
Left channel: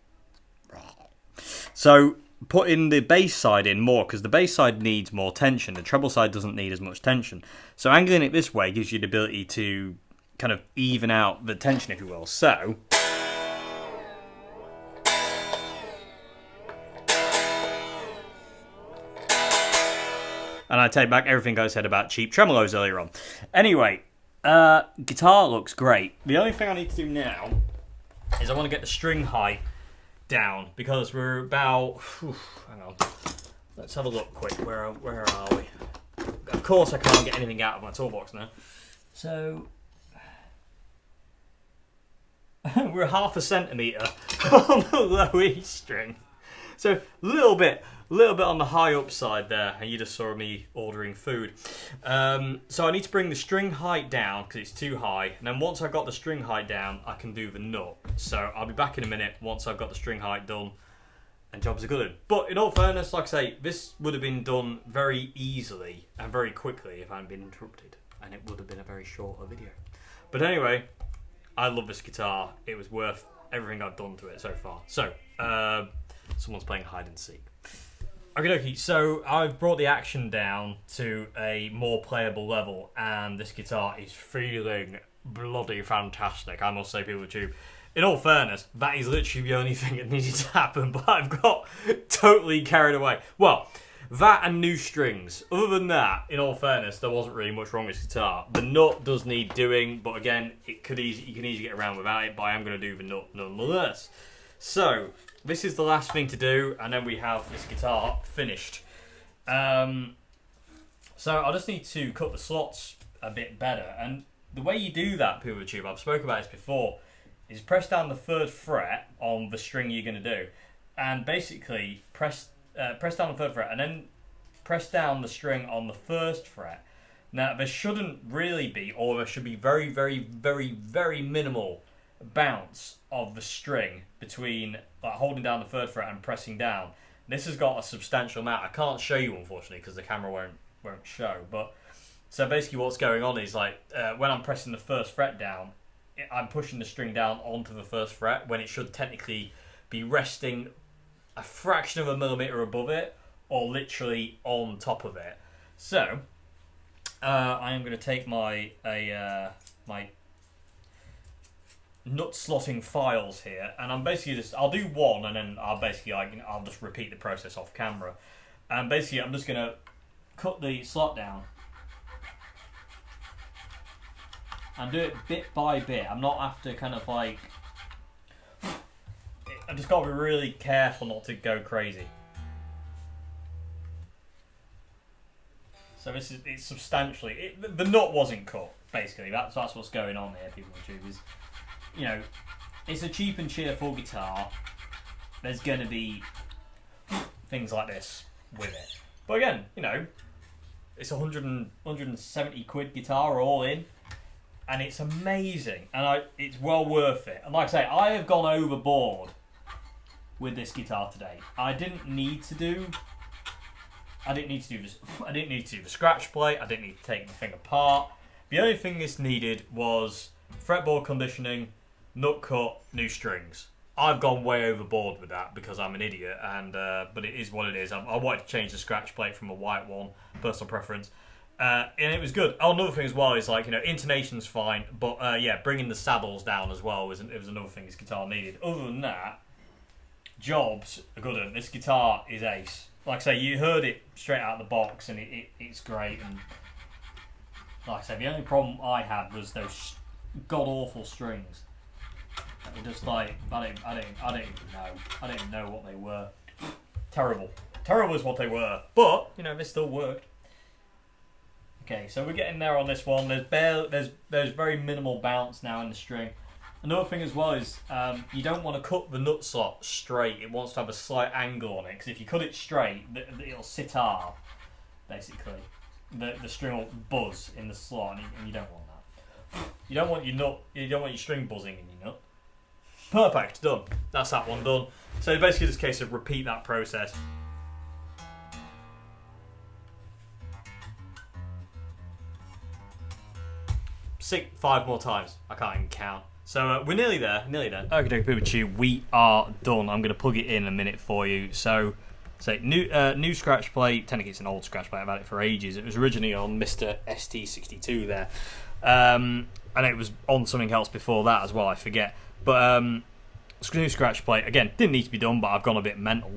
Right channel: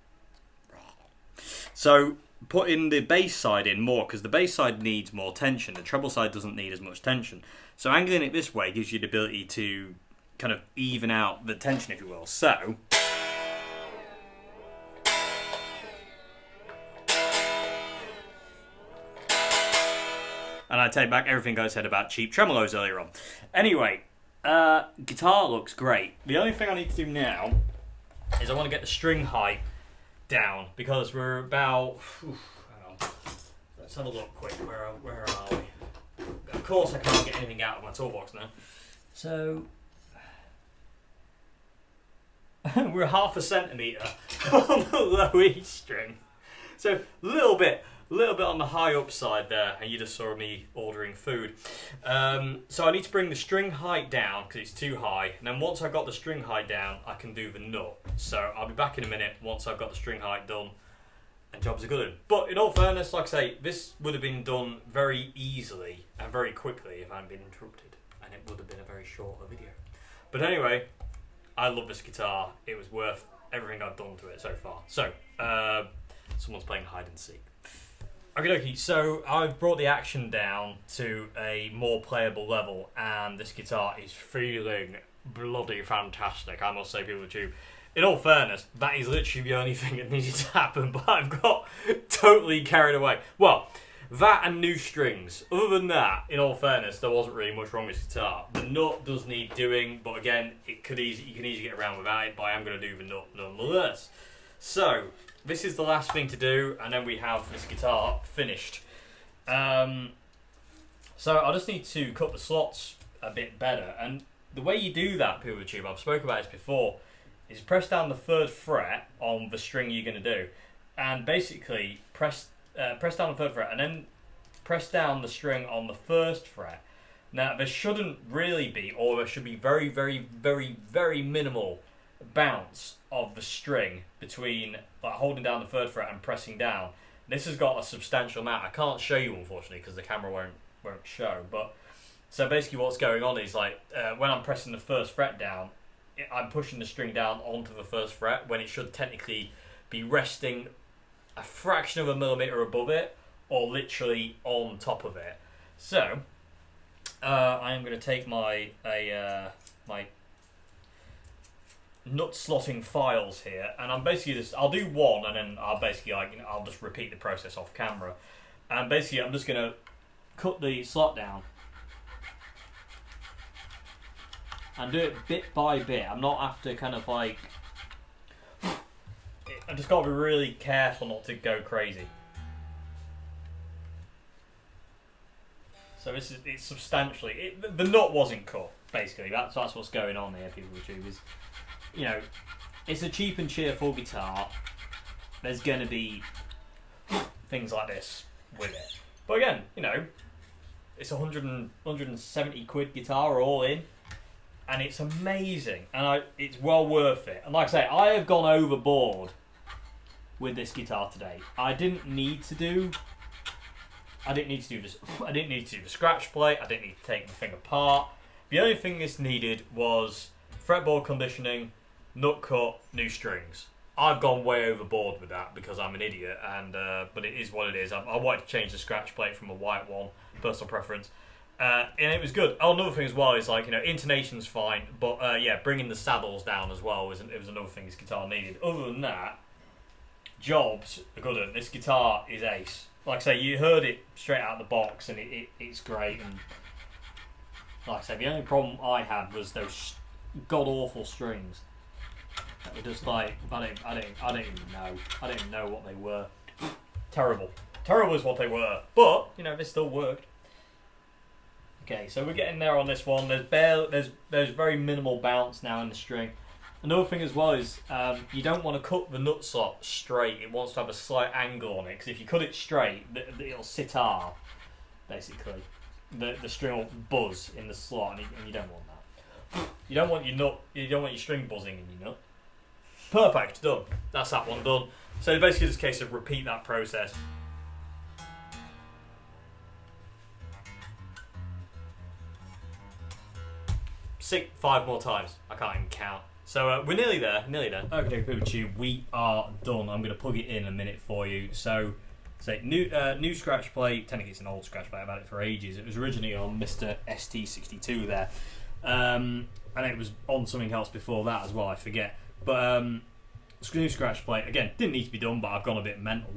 So putting the bass side in more, because the bass side needs more tension. The treble side doesn't need as much tension. So angling it this way gives you the ability to kind of even out the tension, if you will. So and I take back everything I said about cheap tremolos earlier on. Anyway, guitar looks great. The only thing I need to do now is I want to get the string height down, because we're about, hang on, let's have a look quick. Where are we? Of course I can't get anything out of my toolbox now. So we're 1/2 centimetre on the low E string. So a little bit on the high up side there, and you just saw me ordering food. So I need to bring the string height down because it's too high, and then once I've got the string height down, I can do the nut. So I'll be back in a minute once I've got the string height done, and jobs are good. But in all fairness, like I say, this would have been done very easily and very quickly if I hadn't been interrupted, and it would have been a very short video. But anyway, I love this guitar. It was worth everything I've done to it so far. So, someone's playing hide and seek. Okie, so I've brought the action down to a more playable level, and this guitar is feeling bloody fantastic, I must say, PooperTube. In all fairness, that is literally the only thing that needed to happen, but I've got totally carried away. Well, that and new strings. Other than that, in all fairness, there wasn't really much wrong with this guitar. The nut does need doing, but again, you can easily get around without it, but I am going to do the nut nonetheless. So this is the last thing to do, and then we have this guitar finished. So I just need to cut the slots a bit better, and the way you do that, PooperTube, I've spoken about this before, is press down the 3rd fret on the string you're going to do, and basically press down the 3rd fret, and then press down the string on the 1st fret. Now there shouldn't really be, or there should be very, very, very, very minimal bounce of the string between like holding down the 3rd fret and pressing down. This has got a substantial amount. I can't show you, unfortunately, because the camera won't show. But so basically, what's going on is like when I'm pressing the 1st fret down, I'm pushing the string down onto the 1st fret when it should technically be resting a fraction of a millimetre above it, or literally on top of it. So I am going to take my my nut slotting files here, and I'm basically I'll do one, and then I'll basically I'll just repeat the process off camera. And basically, I'm just going to cut the slot down and do it bit by bit. I'm not after kind of like. I've just got to be really careful not to go crazy. So it's substantially the nut wasn't cut. Basically, that's what's going on here. People with tubes, it's a cheap and cheerful guitar. There's going to be things like this with it, but again, it's 170 quid guitar all in, and it's amazing, and it's well worth it. And like I say, I have gone overboard with this guitar today. I didn't need to do this. I didn't need to do the scratch plate. I didn't need to take the thing apart. The only thing this needed was fretboard conditioning, nut cut, new strings. I've gone way overboard with that because I'm an idiot, and but it is what it is. I wanted to change the scratch plate from a white one, personal preference, and it was good. Oh, another thing as well is intonation's fine, but bringing the saddles down as well was another thing this guitar needed. Other than that, jobs are good. And this guitar is ace. Like I say, you heard it straight out of the box, and it's great. And like I say, the only problem I had was those god awful strings. That were just like I didn't even know. I didn't know what they were. Terrible is what they were. But they still worked. Okay, so we're getting there on this one. There's very minimal bounce now in the string. Another thing as well is you don't want to cut the nut slot straight. It wants to have a slight angle on it, because if you cut it straight, it'll sit hard. Basically, the string will buzz in the slot, and you don't want that. You don't want your string buzzing in your nut. Perfect, done. That's that one done. So basically, it's a case of repeat that process. Five more times. I can't even count. So we're nearly there. Okay, people, we are done. I'm going to plug it in a minute for you. So, new scratch plate. Technically, it's an old scratch plate. I've had it for ages. It was originally on Mr. ST62 there, and it was on something else before that as well. I forget. But new scratch plate again. Didn't need to be done, but I've gone a bit mental.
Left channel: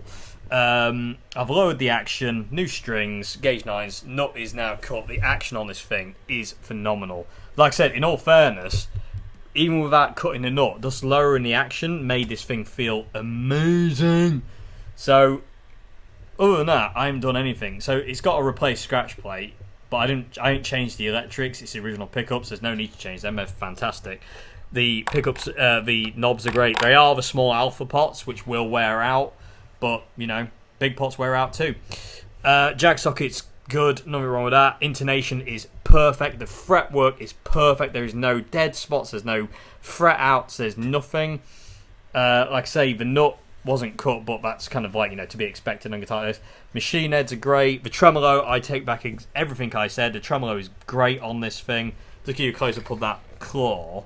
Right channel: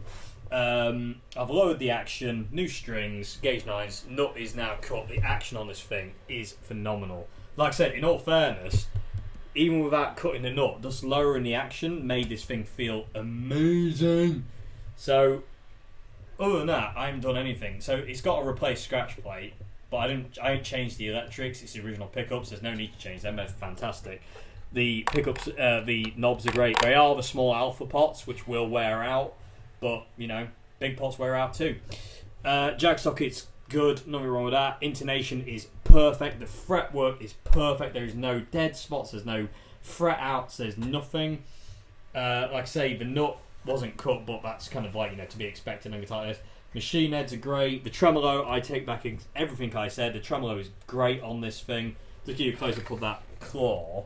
I've lowered the action. New strings, gauge 9s. Nut is now cut. The action on this thing is phenomenal. Like I said, in all fairness, even without cutting the nut, just lowering the action made this thing feel amazing. So, other than that, I haven't done anything. So it's got a replace scratch plate, but I didn't change the electrics. It's the original pickups. There's no need to change them. They're fantastic. The pickups, the knobs are great. They are the small alpha pots, which will wear out, but big pots wear out too. Jag sockets, good, nothing wrong with that. Intonation is perfect. The fretwork is perfect. There is no dead spots. There's no fret outs. There's nothing. Like I say, the nut wasn't cut, but that's kind of like to be expected on guitar like this. Machine heads are great. The tremolo, I take back everything I said. The tremolo is great on this thing. To give you a close up of that claw,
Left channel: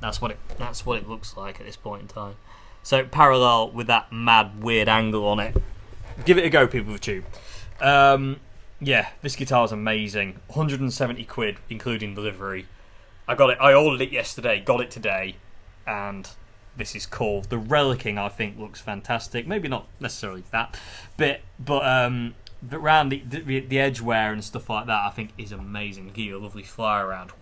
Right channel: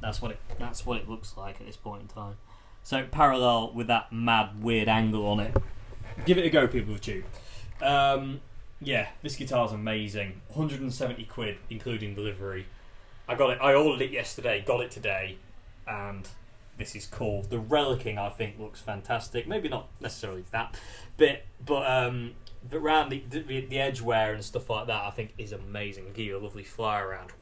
that's what it looks like at this point in time. So parallel with that mad weird angle on it. Give it a go, people of tube. Yeah, this guitar is amazing. 170 quid, including delivery. I ordered it yesterday, got it today, and this is cool. The relicking, I think, looks fantastic. Maybe not necessarily that bit, but around the edge wear and stuff like that, I think is amazing. It'll give you a lovely fly around.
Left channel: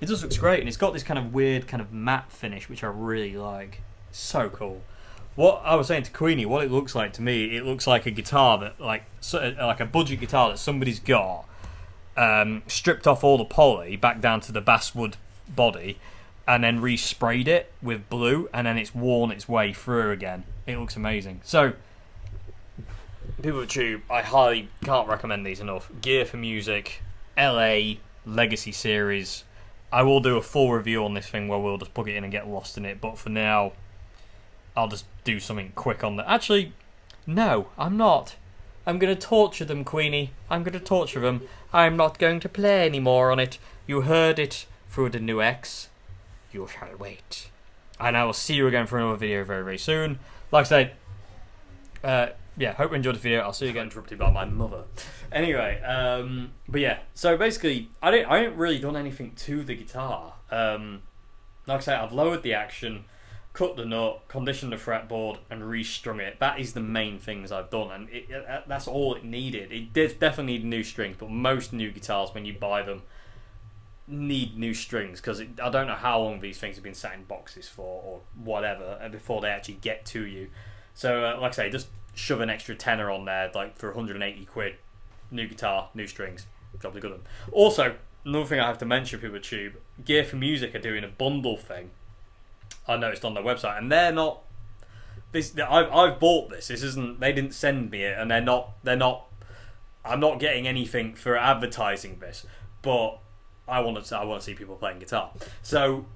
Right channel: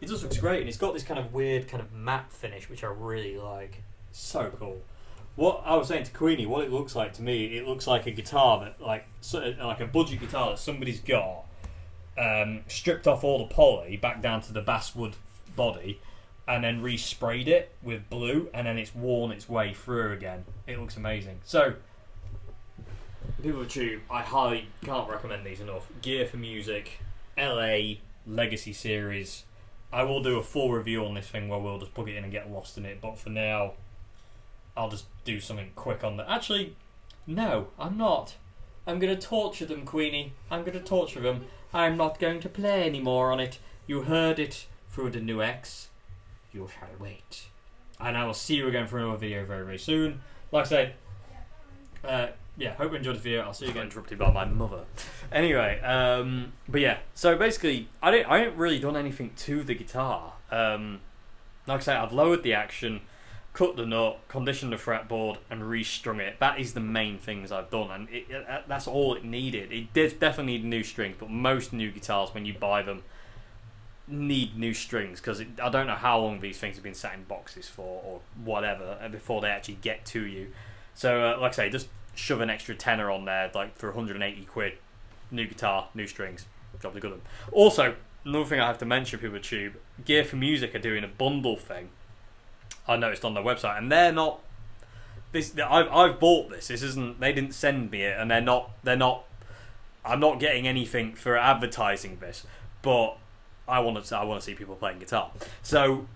It just looks great, and it's got this kind of weird kind of matte finish, which I really like. So cool. What I was saying to Queenie, what it looks like to me, it looks like a guitar that, like a budget guitar that somebody's got, stripped off all the poly back down to the basswood body, and then resprayed it with blue, and then it's worn its way through again. It looks amazing. So, people of tube, I highly can't recommend these enough. Gear for Music, LA Legacy Series. I will do a full review on this thing where we'll just plug it in and get lost in it, but for now, I'll just do something quick on that. Actually, no, I'm not. I'm going to torture them, Queenie. I'm going to torture them. I'm not going to play anymore on it. You heard it through the new X. You shall wait. And I will see you again for another video very, very soon. Like I said, yeah, hope you enjoyed the video. I'll see you again. Interrupted by my mother. Anyway, but yeah, so basically, I ain't really done anything to the guitar. Like I say, I've lowered the action, cut the nut, conditioned the fretboard, and restrung it. That is the main things I've done, and that's all it needed. It did definitely need new strings, but most new guitars, when you buy them, need new strings, because I don't know how long these things have been sat in boxes for, or whatever, before they actually get to you. So, like I say, just shove an extra tenner on there, like for 180 quid, new guitar, new strings, job's a good one. Also, another thing I have to mention, people at Tube, Gear for Music are doing a bundle thing, I noticed on their website, and they're not, I've bought this isn't, they didn't send me it, and they're not, I'm not getting anything for advertising this, but I want to see people playing guitar. So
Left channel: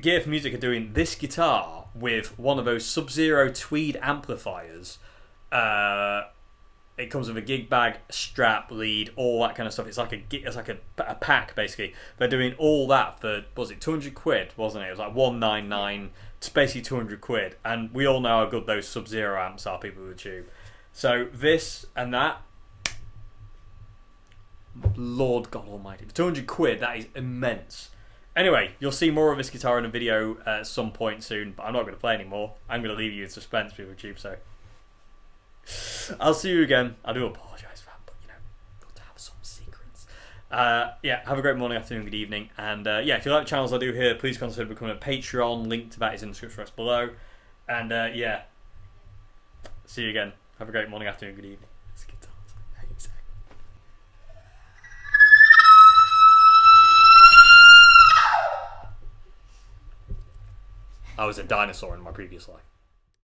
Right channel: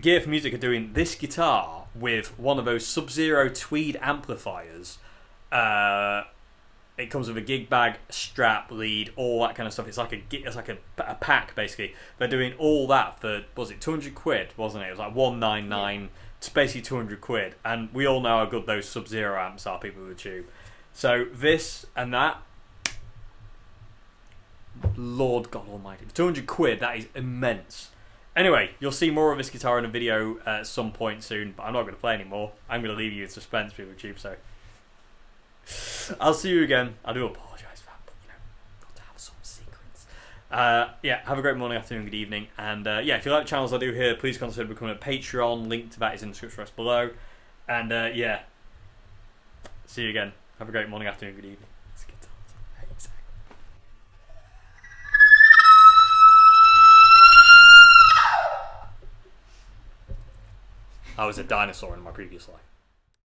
Gear for Music are doing this guitar with one of those Sub-Zero tweed amplifiers. It comes with a gig bag, strap, lead, all that kind of stuff. It's like a pack basically. They're doing all that for, was it 200 quid? Wasn't it? It was like 199. It's basically 200 quid. And we all know how good those Sub-Zero amps are, people with the Tube. So this and that, Lord God Almighty, 200 quid. That is immense. Anyway, you'll see more of this guitar in a video at some point soon, but I'm not going to play anymore. I'm going to leave you in suspense, people with Tube. So I'll see you again. I do apologise for that, but you know, got to have some secrets. Yeah, have a great morning, afternoon, good evening, and yeah, if you like the channels I do here, please consider becoming a Patreon. Link to that is in the description box below. And yeah, see you again. Have a great morning, afternoon, good evening. This guitar's amazing. I was a dinosaur in my previous life.